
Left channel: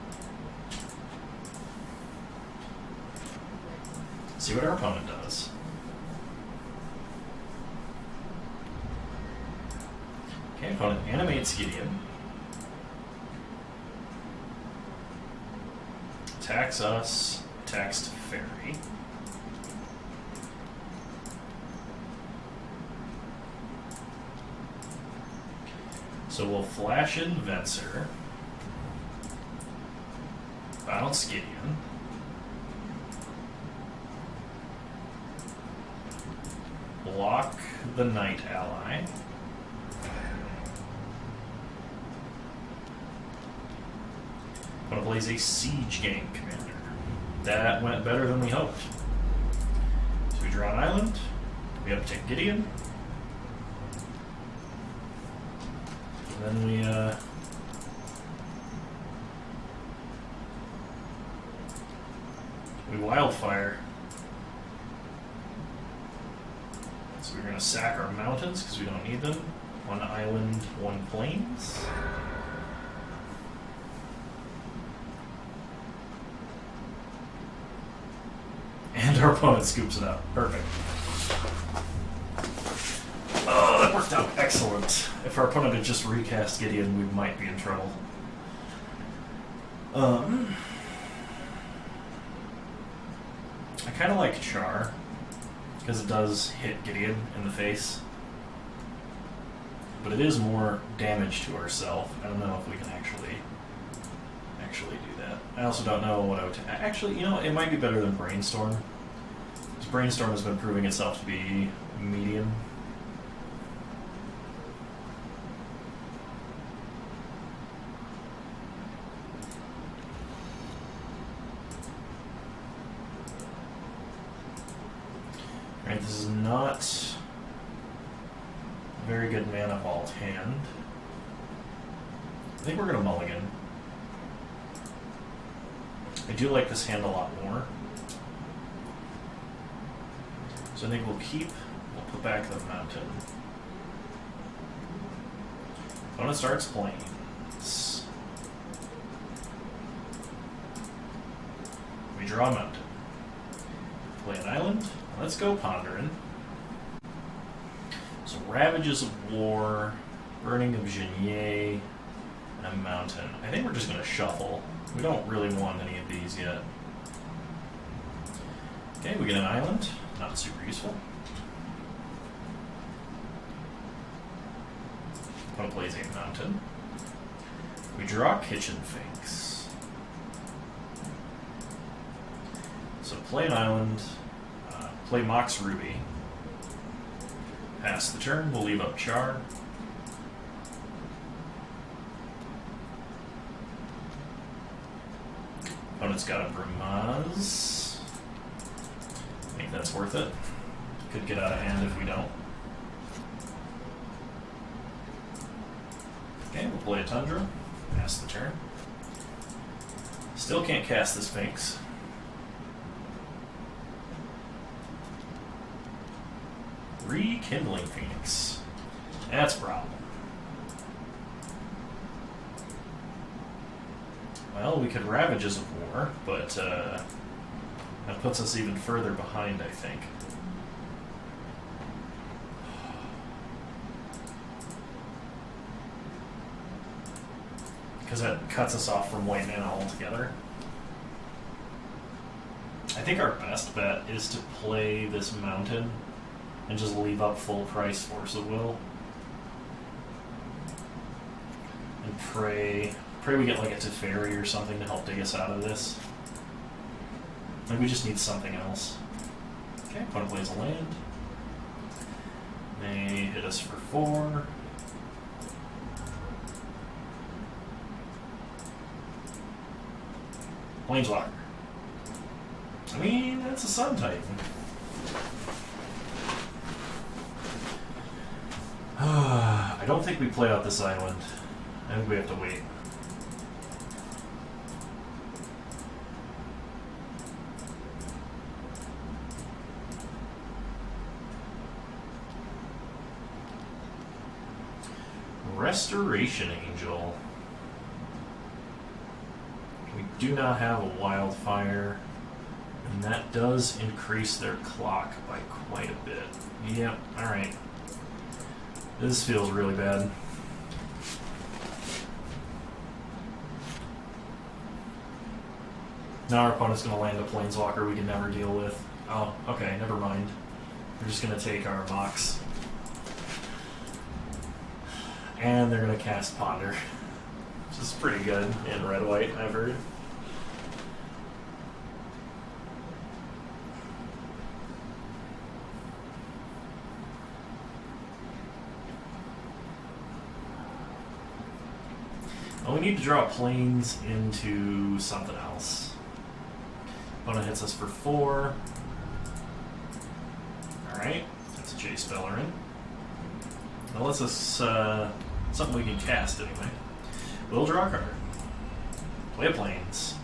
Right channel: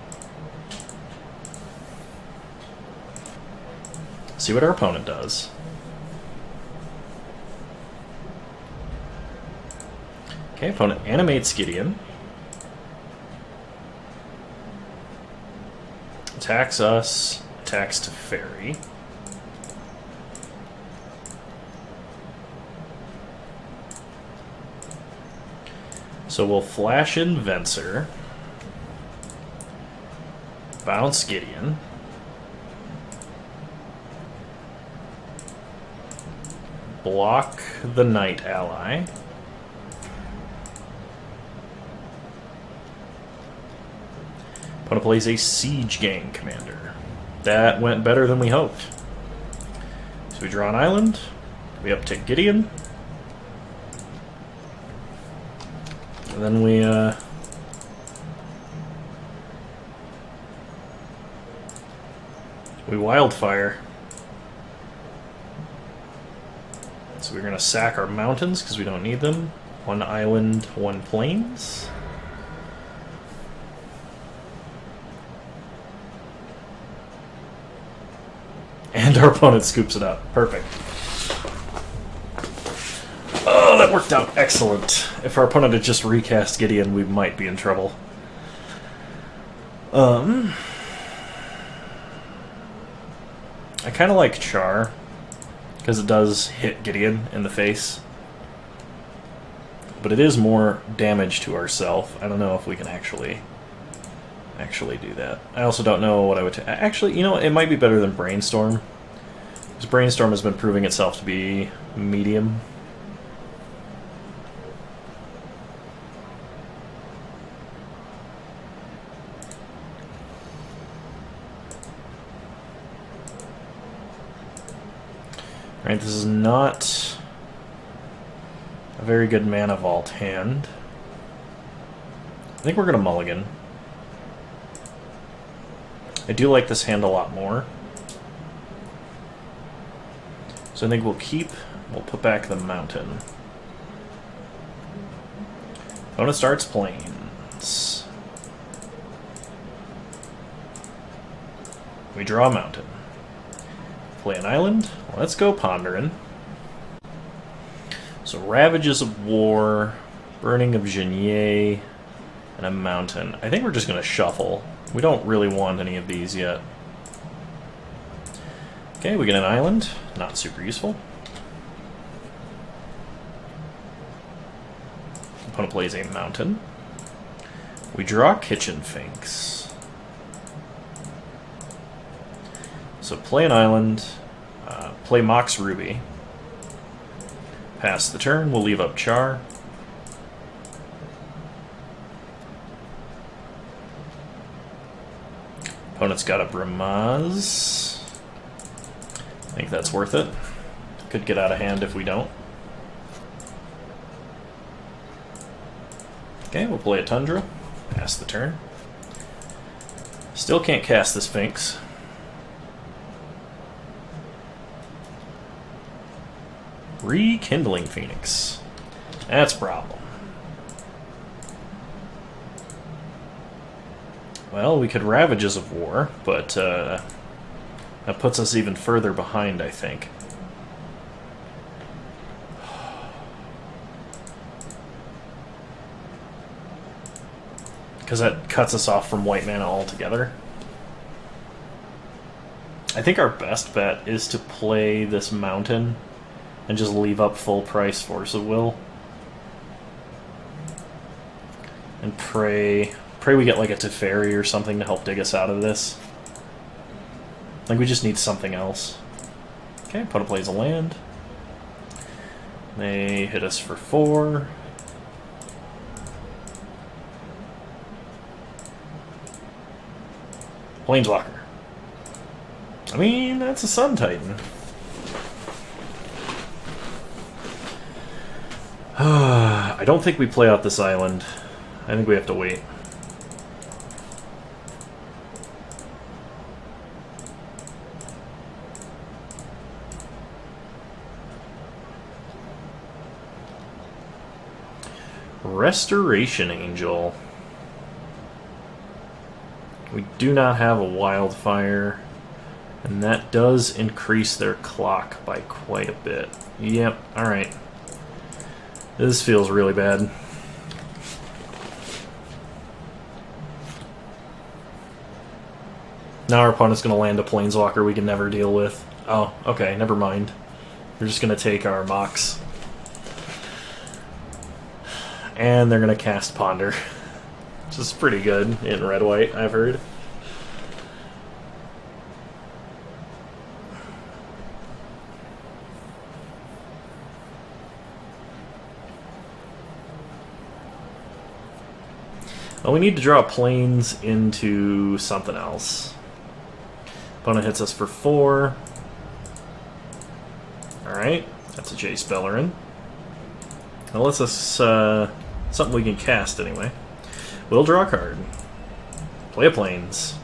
See what our opponent does. Okay, opponent animates Gideon. Attacks us. Attacks to Fairy. So we'll flash in Venser. Bounce Gideon. Block the Knight ally. Opponent plays a Siege Gang commander. That went better than we hoped. So we draw an island. We uptick Gideon. And then we wildfire. So we're going to sack our mountains because we don't need them. 1 island, 1 plains. And our opponent scoops it up. Perfect. Oh, that worked out excellent. If our opponent had just recast Gideon, we might be in trouble. I kind of like Char, because it does hit Gideon in the face. But it is more damage to ourselves. I don't know if we can actually do that. I also don't know what I would... Actually, you know what? It might be better than Brainstorm. Because Brainstorm has been proving itself to be medium. Alright, this is not a very good Mana Vault hand. I think we're going to mulligan. I do like this hand a lot more. So I think we'll put back the mountain. Opponent starts plains. We draw a mountain. Play an island. Let's go Pondering. So Ravages of War, Burning of Genier, and a mountain. I think we're just going to shuffle. We don't really want any of these yet. Okay, we get an island. Not super useful. Opponent plays a mountain. We draw Kitchen Finks. So play an island. Play Mox Ruby. Pass the turn. We'll leave up Char. Opponent's got a Bramaz. I think that's worth it. Could get out of hand if we don't. Okay, we'll play a Tundra. Pass the turn. Still can't cast the Sphinx. Rekindling Phoenix. That's a problem. Well, we could Ravages of War, but that puts us even further behind, I think. Because that cuts us off from white mana altogether. I think our best bet is to play this mountain and just leave up full price Force of Will. And pray we get like a Teferi or something to help dig us out of this. Like, we just need something else. Okay, opponent plays a land. They hit us for 4. Planeswalker. I mean, that's a Sun Titan. I don't think we play out this island. I think we have to wait. Restoration Angel. We do not have a Wildfire, and that does increase their clock by quite a bit. Yep, alright. This feels really bad. Now our opponent's going to land a Planeswalker we can never deal with. Oh, okay, never mind. They're just going to take our Mox. And they're going to cast Ponder. Which is pretty good in red-white, I've heard. Well, we need to draw planes into something else. Opponent hits us for 4. Alright, that's a Jace Beleren. That lets us something we can cast anyway. We'll draw a card. Play a planes.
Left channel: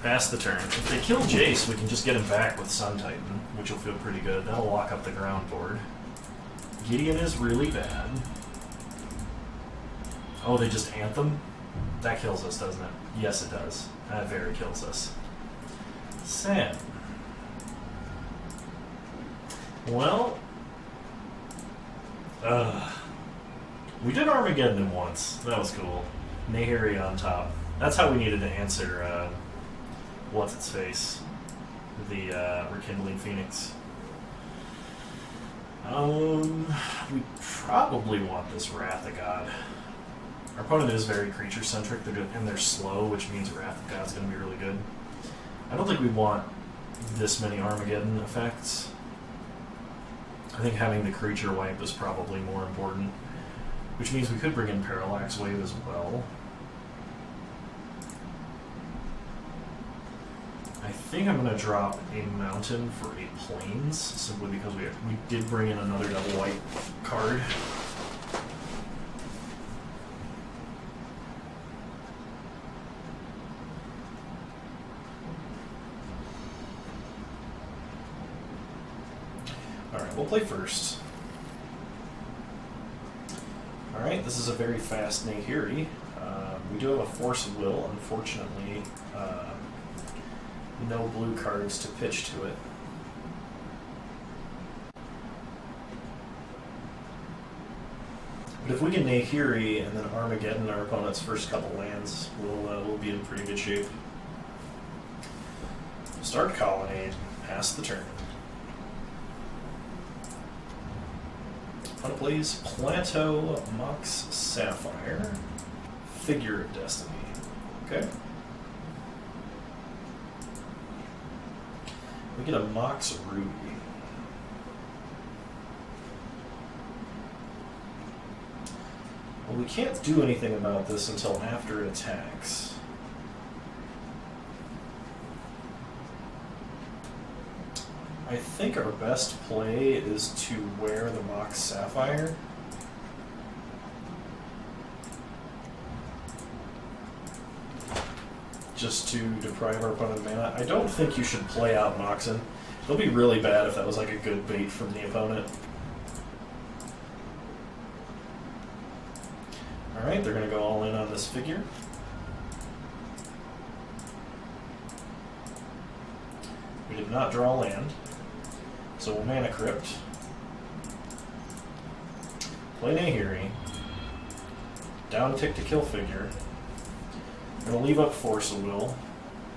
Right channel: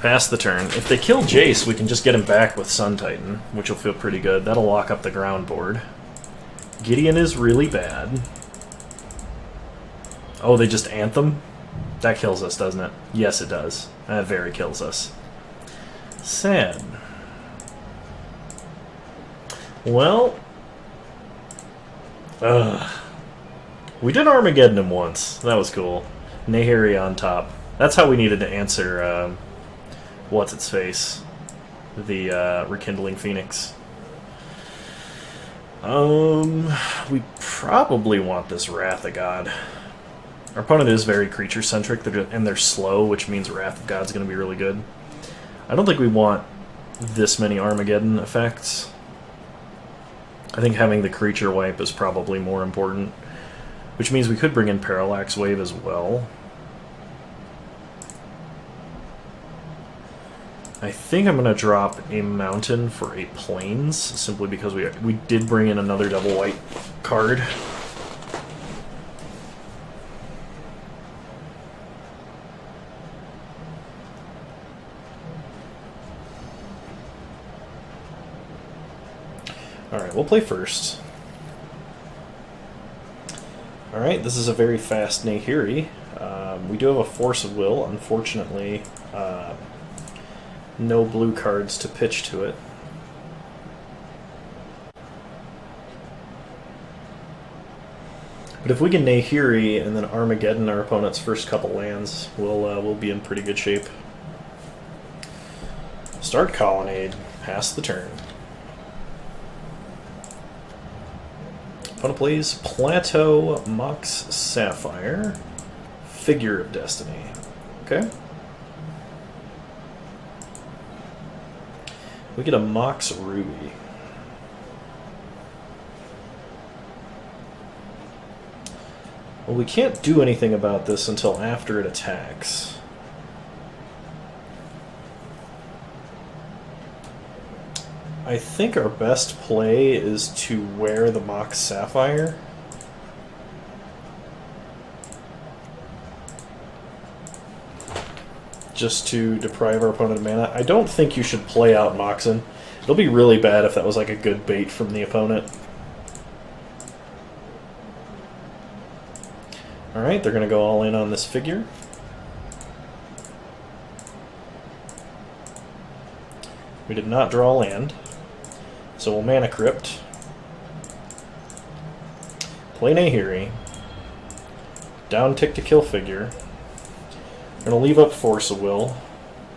Pass the turn. If they kill Jace, we can just get him back with Sun Titan, which will feel pretty good. That'll lock up the ground board. Gideon is really bad. Oh, they just Anthem? That kills us, doesn't it? Yes, it does. That very kills us. Sad. Well... we did Armageddon him once. That was cool. Nahiri on top. That's how we needed to answer, what's-its-face? The, Rekindling Phoenix. We probably want this Wrath of God. Our opponent is very creature-centric, and they're slow, which means Wrath of God's going to be really good. I don't think we want this many Armageddon effects. I think having the creature wipe is probably more important, which means we could bring in Parallax Wave as well. I think I'm going to drop a mountain for a plains, simply because we did bring in another double white card. Alright, we'll play first. Alright, this is a very fast Nahiri. We do have a Force of Will, unfortunately. No blue cards to pitch to it. But if we can Nahiri and then Armageddon our opponent's first couple lands, we'll be in pretty good shape. Start Colonnade, pass the turn. Opponent plays Plateau, Mox Sapphire, Figure of Destiny. Okay. We get a Mox Ruby. Well, we can't do anything about this until after it attacks. I think our best play is to wear the Mox Sapphire. Just to deprive our opponent of mana. I don't think you should play out Moxen. It'll be really bad if that was like a good bait from the opponent. Alright, they're going to go all in on this figure. We did not draw land, so we'll Mana Crypt. Play Nahiri. Down tick to kill figure. We're going to leave up Force of Will.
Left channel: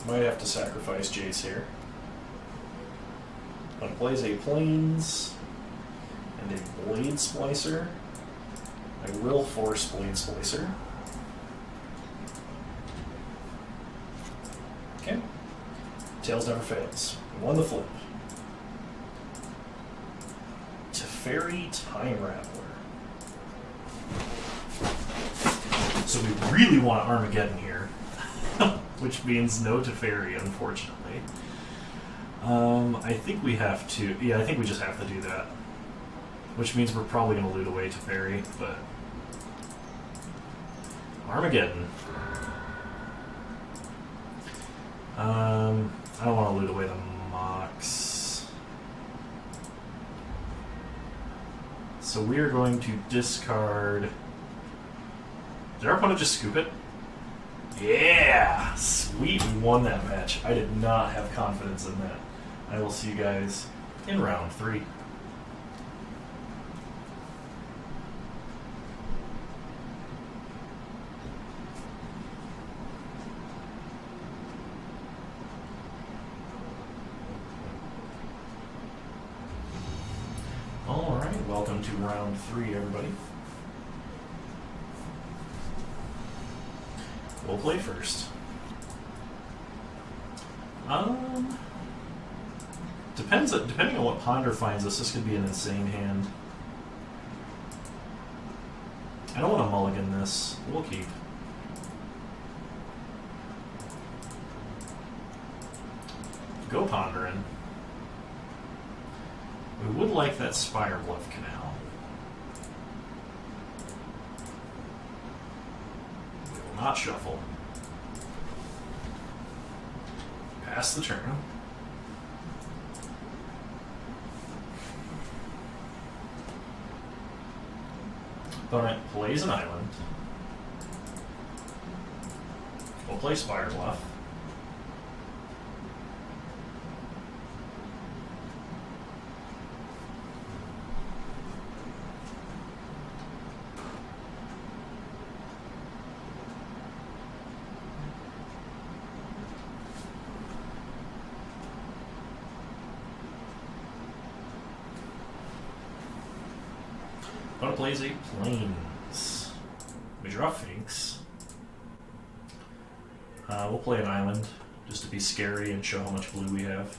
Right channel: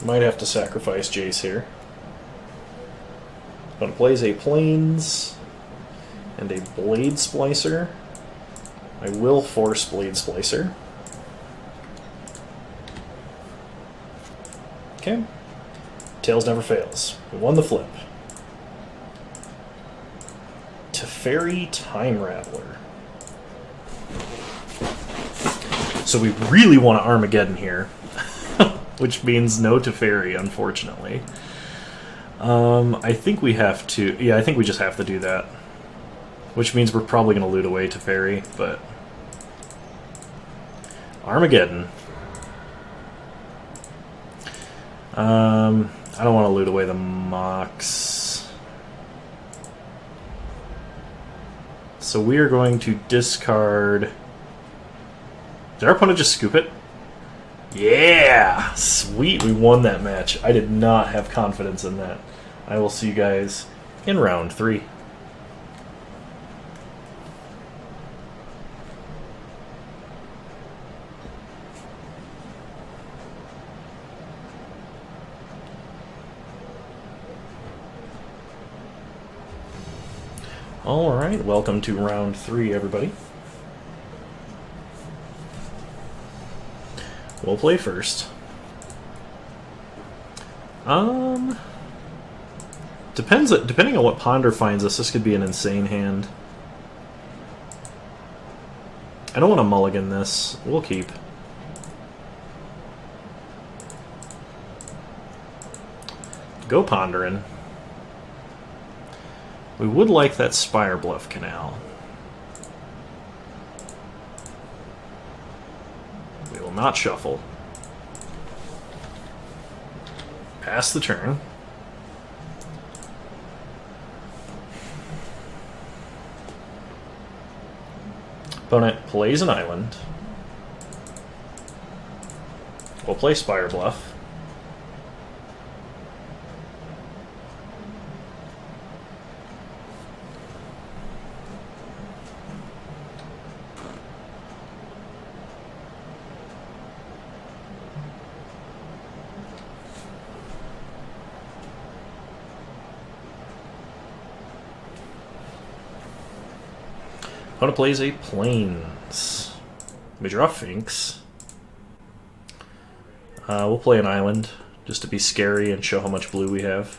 Might have to sacrifice Jace here. Going to plays a Plains and a Blade Splicer. I will force Blade Splicer. Okay. Tails never fails. We won the flip. Teferi Time Rattler. So we really want to Armageddon here, which means no Teferi, unfortunately. I think we have to... Yeah, I think we just have to do that. Which means we're probably going to loot away Teferi, but... Armageddon. I don't want to loot away the Mox. So we are going to discard... Did our opponent just scoop it? Yeah! Sweet, we won that match. I did not have confidence in that. I will see you guys in round 3. Alright, welcome to round 3, everybody. We'll play first. Depending on what Ponder finds us, this could be an insane hand. I don't want to mulligan this. We'll keep. Go Pondering. We would like that Spire Bluff Canal. We will not shuffle. Pass the turn. Opponent plays an island. We'll play Spire Bluff. Opponent plays a Plains. We draw Finks. We'll play an island, just to be scary and show how much blue we have.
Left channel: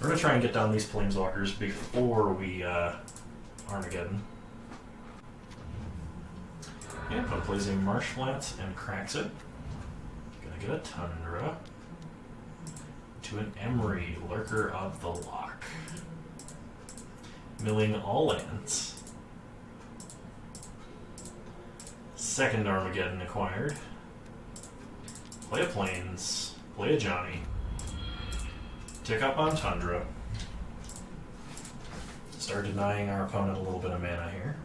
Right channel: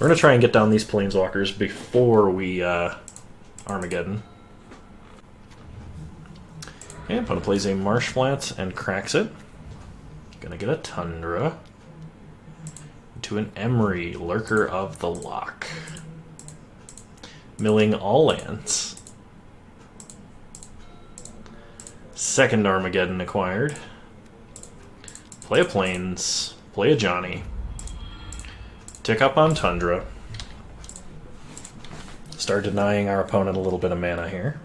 We're going to try and get down these Planeswalkers before we Armageddon. And opponent plays a Marsh Flats and cracks it. Gonna get a Tundra. To an Emery, Lurker of the Loch. Milling all lands. Second Armageddon acquired. Play a Plains. Play a Johnny. Tick up on Tundra. Start denying our opponent a little bit of mana here.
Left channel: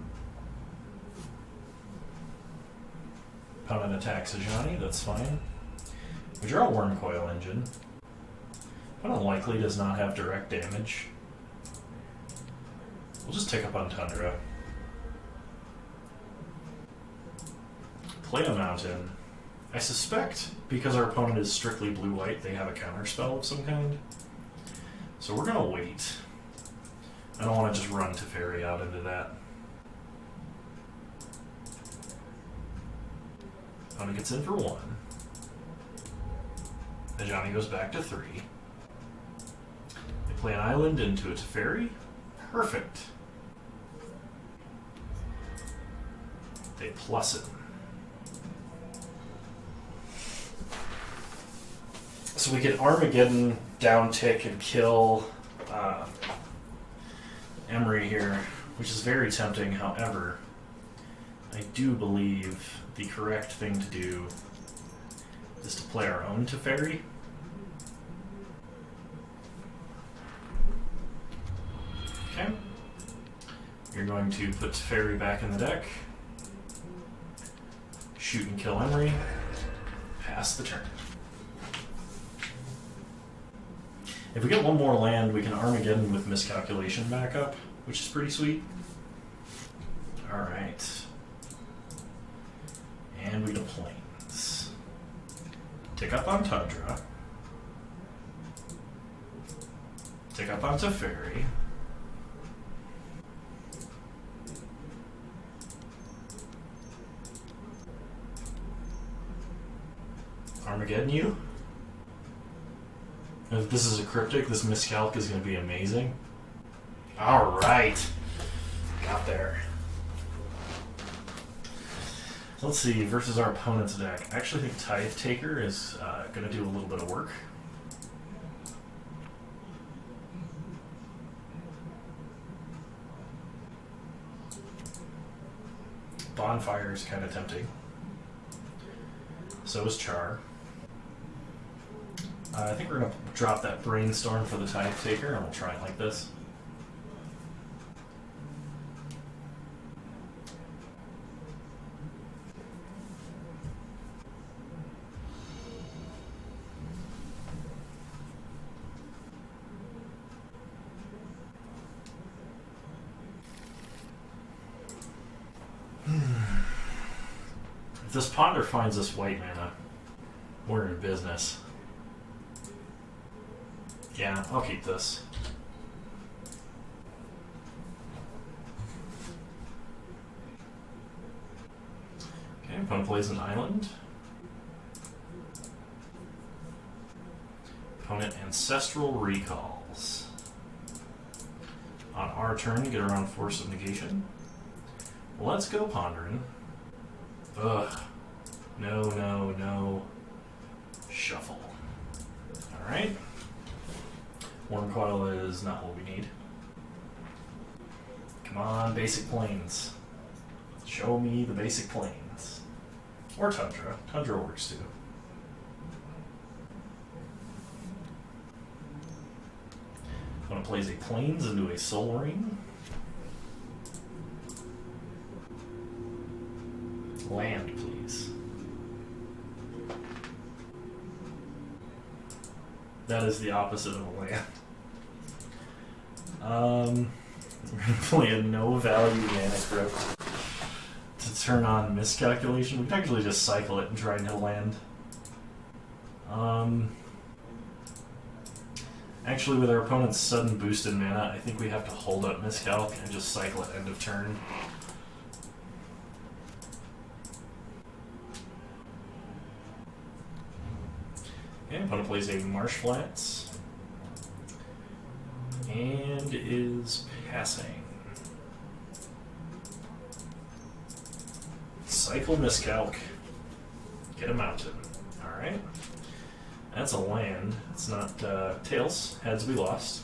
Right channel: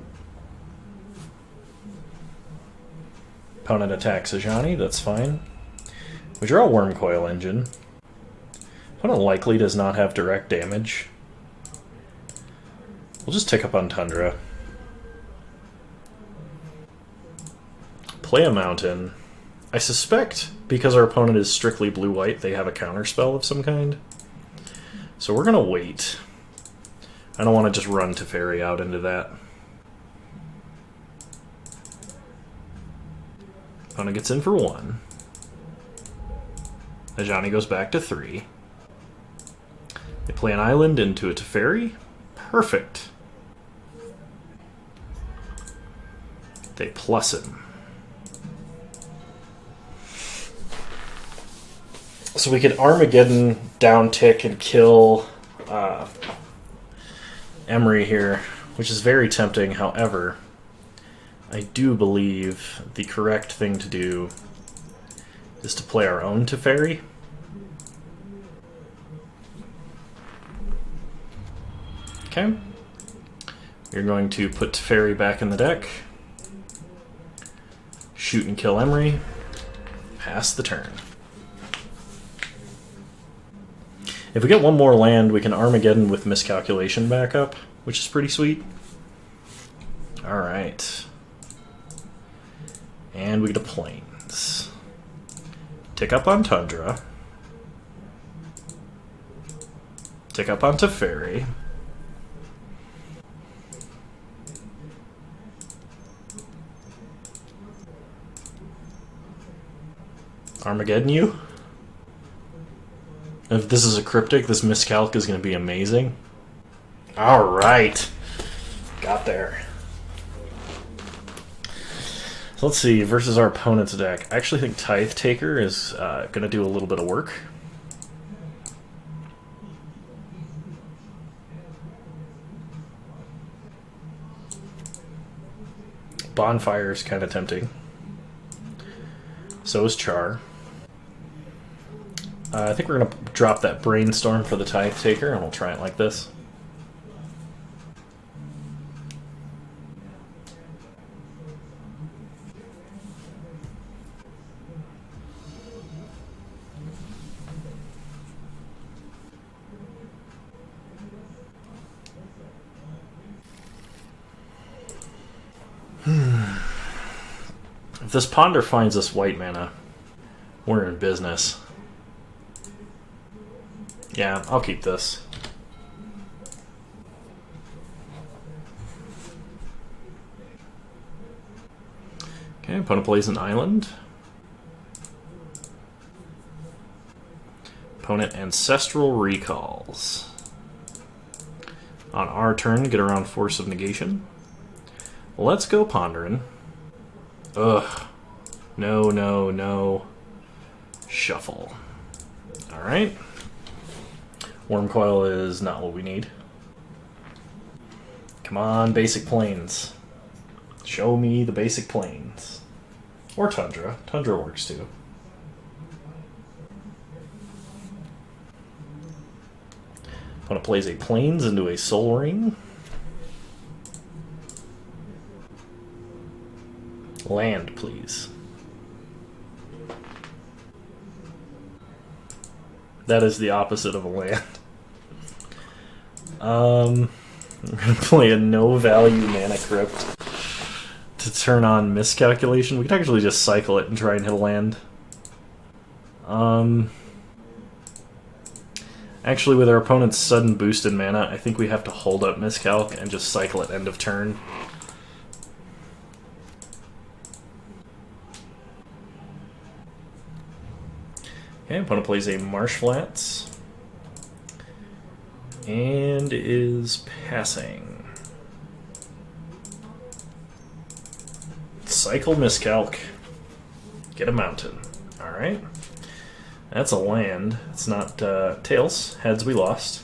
Opponent attacks a Johnny, that's fine. We draw a Wormcoil Engine. Opponent likely does not have direct damage. We'll just tick up on Tundra. Play a Mountain. I suspect, because our opponent is strictly blue-white, they have a counterspell of some kind. So we're going to wait. I don't want to just run Teferi out into that. Opponent gets in for 1. Ajani goes back to 3. They play an island into a Teferi. Perfect. They plus him. So we could Armageddon down tick and kill Emery here, which is very tempting. However, I do believe the correct thing to do is to play our own Teferi. Okay. You're going to put Teferi back in the deck. Shoot and kill Emery. Pass the turn. If we get one more land, we can Armageddon with Miscalculation back up, which is pretty sweet. Alright. And we get a Plains. Tick up on Tundra. Tick up on Teferi. Armageddon you? If this is a cryptic, this miscalc is going to be amazing. Alright. Got there. So let's see, versus our opponent's deck. I actually think Tithe Taker is going to do a little bit of work. Bonfire is kind of tempting. So is Char. I think we're going to drop that Brainstorm for the Tithe Taker, and we'll try it like this. If this Ponder finds us white mana, we're in business. Yeah, I'll keep this. Okay, opponent plays an island. Opponent Ancestral Recalls. On our turn, get around Force of Negation. Let's go Pondering. Ugh. No, no, no. Shuffle. Alright. Wormcoil is not what we need. Come on, basic plains. Show me the basic plains. Or Tundra. Tundra works too. Opponent plays a plains into a Soul Ring. Land, please. That is the opposite of a land. We're gonna play a no-value mana crypt to turn on Miscalculation. We could actually just cycle it and try and hit a land. Actually, with our opponent's sudden boost in mana, I think we have to hold up Miscalc and just cycle it end of turn. Okay, opponent plays a Marsh Flats and is passing. Cycle Miscalc. Get a mountain. Alright. That's a land. It's not tails. Heads we lost.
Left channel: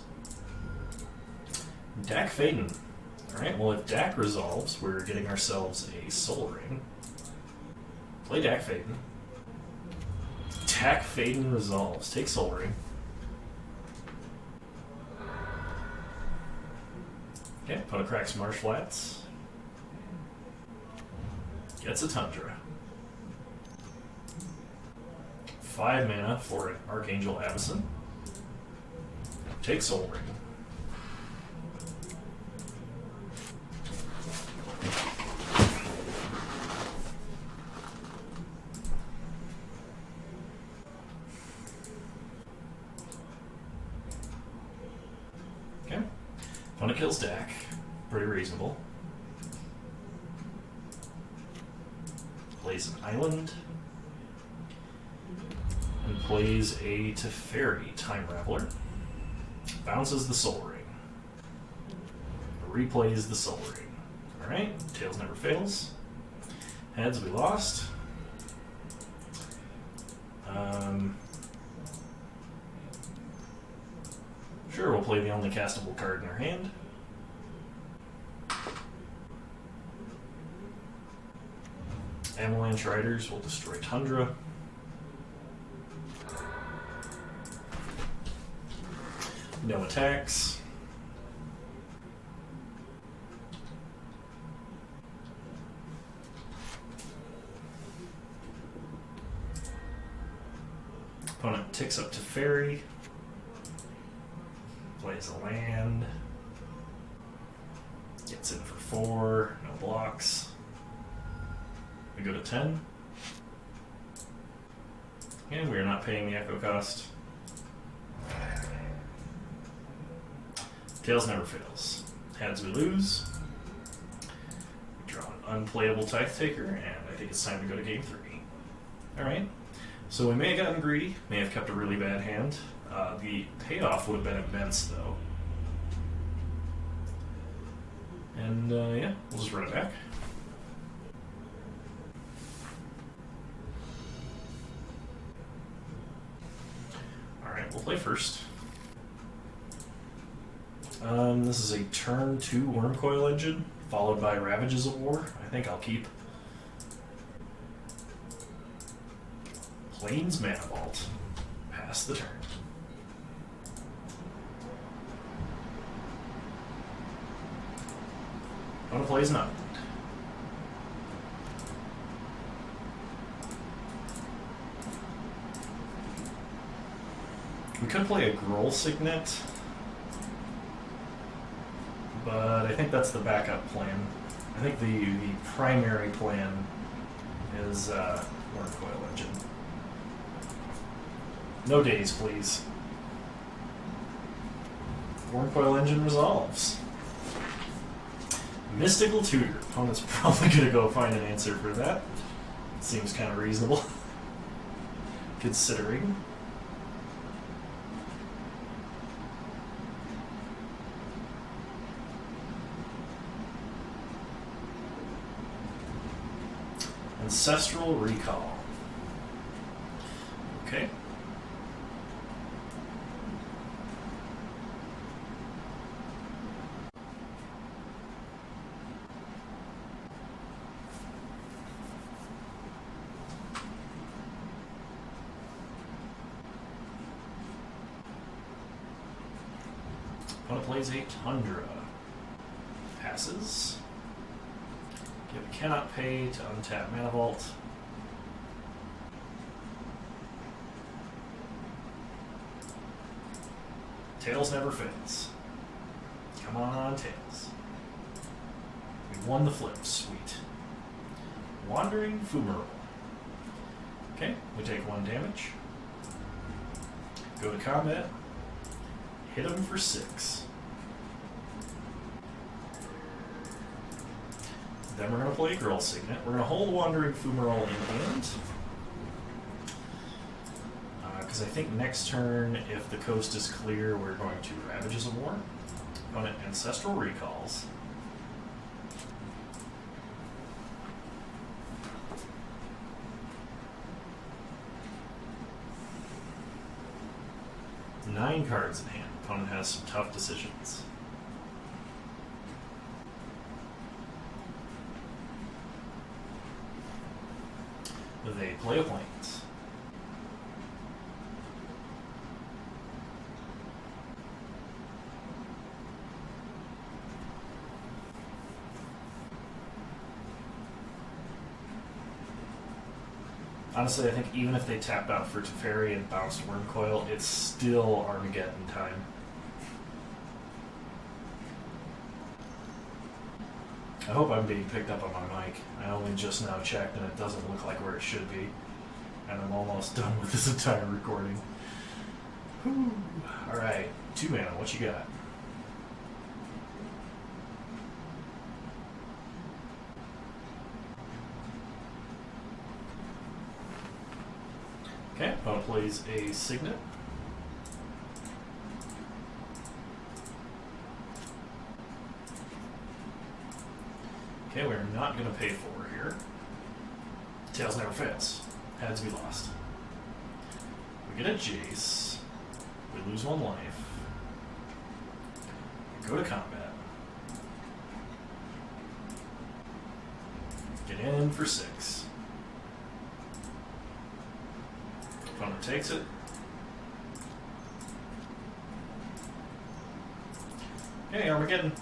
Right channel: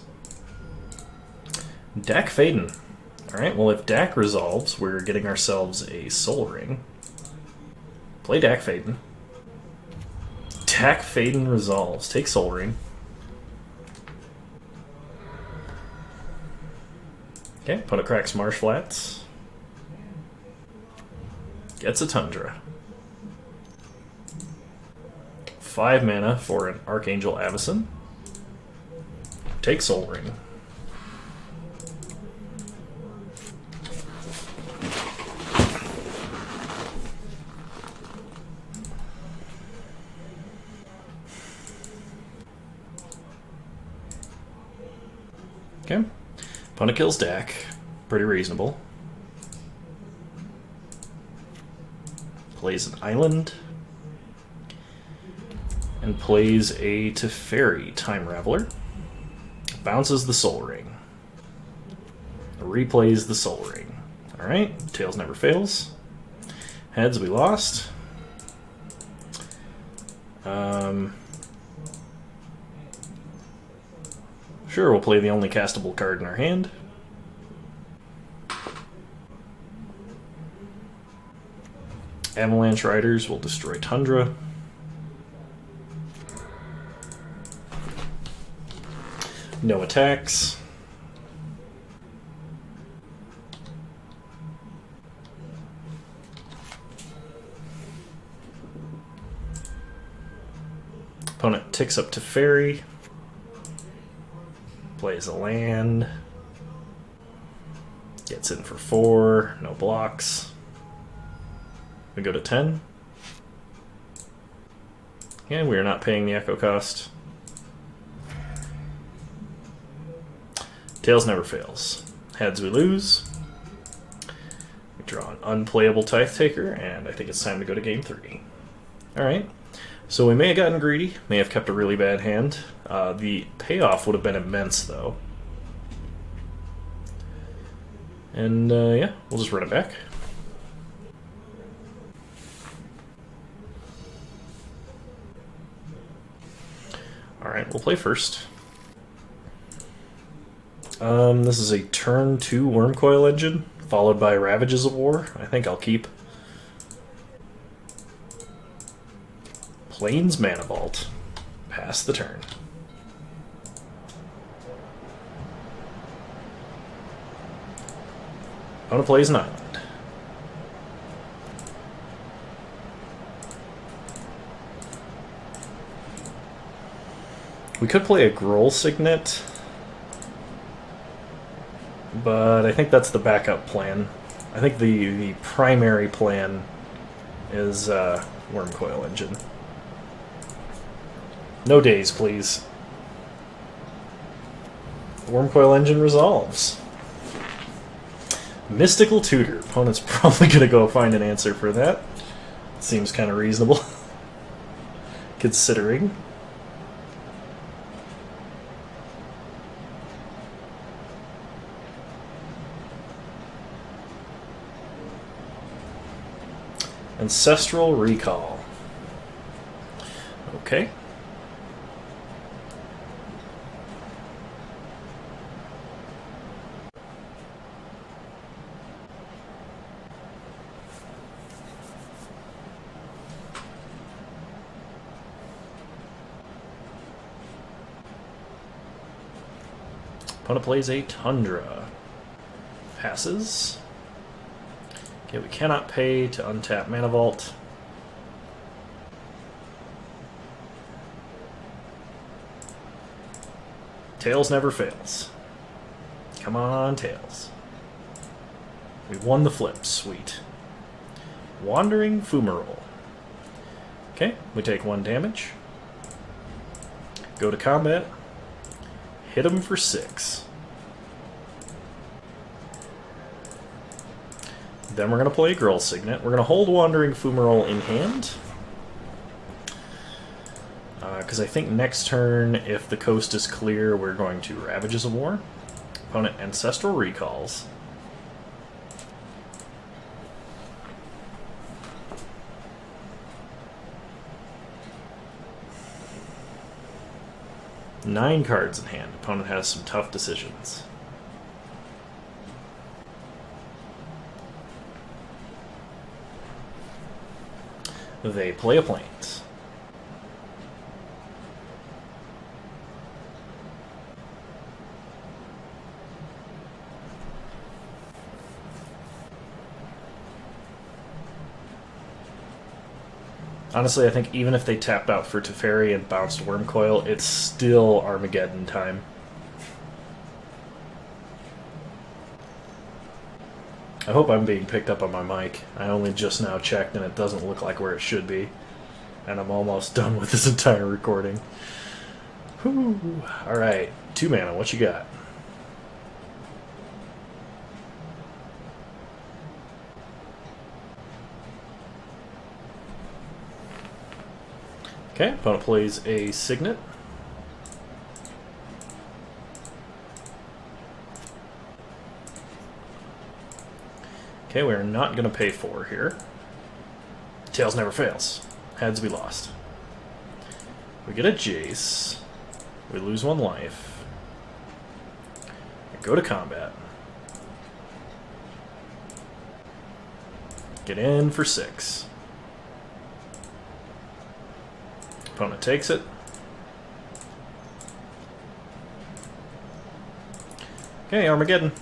Dak Faden. Alright, well if Dak resolves, we're getting ourselves a Soul Ring. Play Dak Faden. Dak Faden resolves. Take Soul Ring. Okay, opponent cracks Marsh Flats. Gets a Tundra. 5 mana for an Archangel Avacyn. Take Soul Ring. Okay. Opponent kills Dak. Pretty reasonable. Plays an island. And plays a Teferi Time Raveler. Bounces the Soul Ring. Replays the Soul Ring. Alright, Tails never fails. Heads we lost. Sure, we'll play the only castable card in our hand. Avalanche Riders will destroy Tundra. No attacks. ticks up to Ferry. Plays a land. Gets in for 4. No blocks. We go to 10. And we are not paying the echo cost. Tails never fails. Heads we lose. We draw an unplayable Tithe Taker, and I think it's time to go to game 3. Alright. So we may have gotten greedy, may have kept a really bad hand. The payoff would have been immense, though. And yeah, we'll just run it back. Alright, we'll play first. This is a turn 2 Wormcoil Engine, followed by Ravages of War. I think I'll keep. Plains Mana Vault. Pass the turn. Opponent plays an island. We could play a Groll Signet, but I think that's the backup plan. I think the primary plan is Wormcoil Engine. No days, please. Wormcoil Engine resolves. Mystical Tutor. Opponent's probably going to go find an answer for that. Seems kind of reasonable, considering. Ancestral Recall. Okay. Opponent plays a Tundra. Passes. Okay, we cannot pay to untap Mana Vault. Tails never fails. Come on, Tails. We won the flip. Sweet. Wandering Fumarole. Okay, we take 1 damage. Go to combat. Hit him for 6. Then we're going to play Groll Signet. We're going to hold Wandering Fumarole in hand. Because I think next turn, if the coast is clear, we're going to Ravages of War. Opponent Ancestral Recalls. Nine cards in hand. Opponent has some tough decisions. They play a Plains. Honestly, I think even if they tapped out for Teferi and bounced Wormcoil, it's still Armageddon time. I hope I'm being picked up on my mic. I only just now checked and it doesn't look like where it should be. And I'm almost done with this entire recording. Whew. Alright, 2 mana, what you got? Okay, opponent plays a Signet. Okay, we're not going to pay 4 here. Tails never fails. Heads we lost. We get a Jace. We lose 1 life. We go to combat. Get in for 6. Opponent takes it. Okay, Armageddon.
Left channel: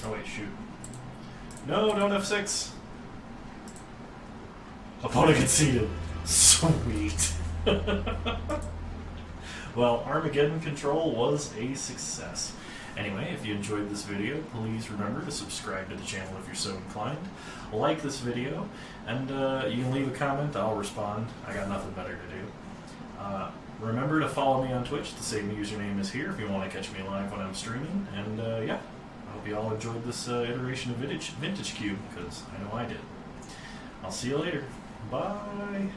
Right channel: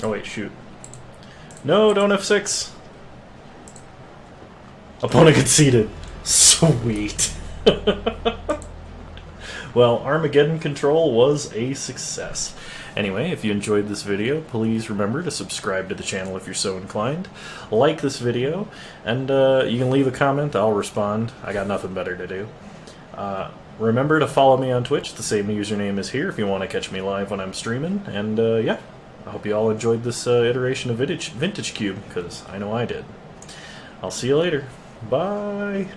Oh wait, shoot. No, don't F6. Opponent conceded. Sweet. Well, Armageddon control was a success. Anyway, if you enjoyed this video, please remember to subscribe to the channel if you're so inclined. Like this video, and you can leave a comment. I'll respond. I got nothing better to do. Remember to follow me on Twitch. The same username is here if you want to catch me live when I'm streaming. And yeah, I hope you all enjoyed this iteration of Vintage Cube, because I know I did. I'll see you later. Bye.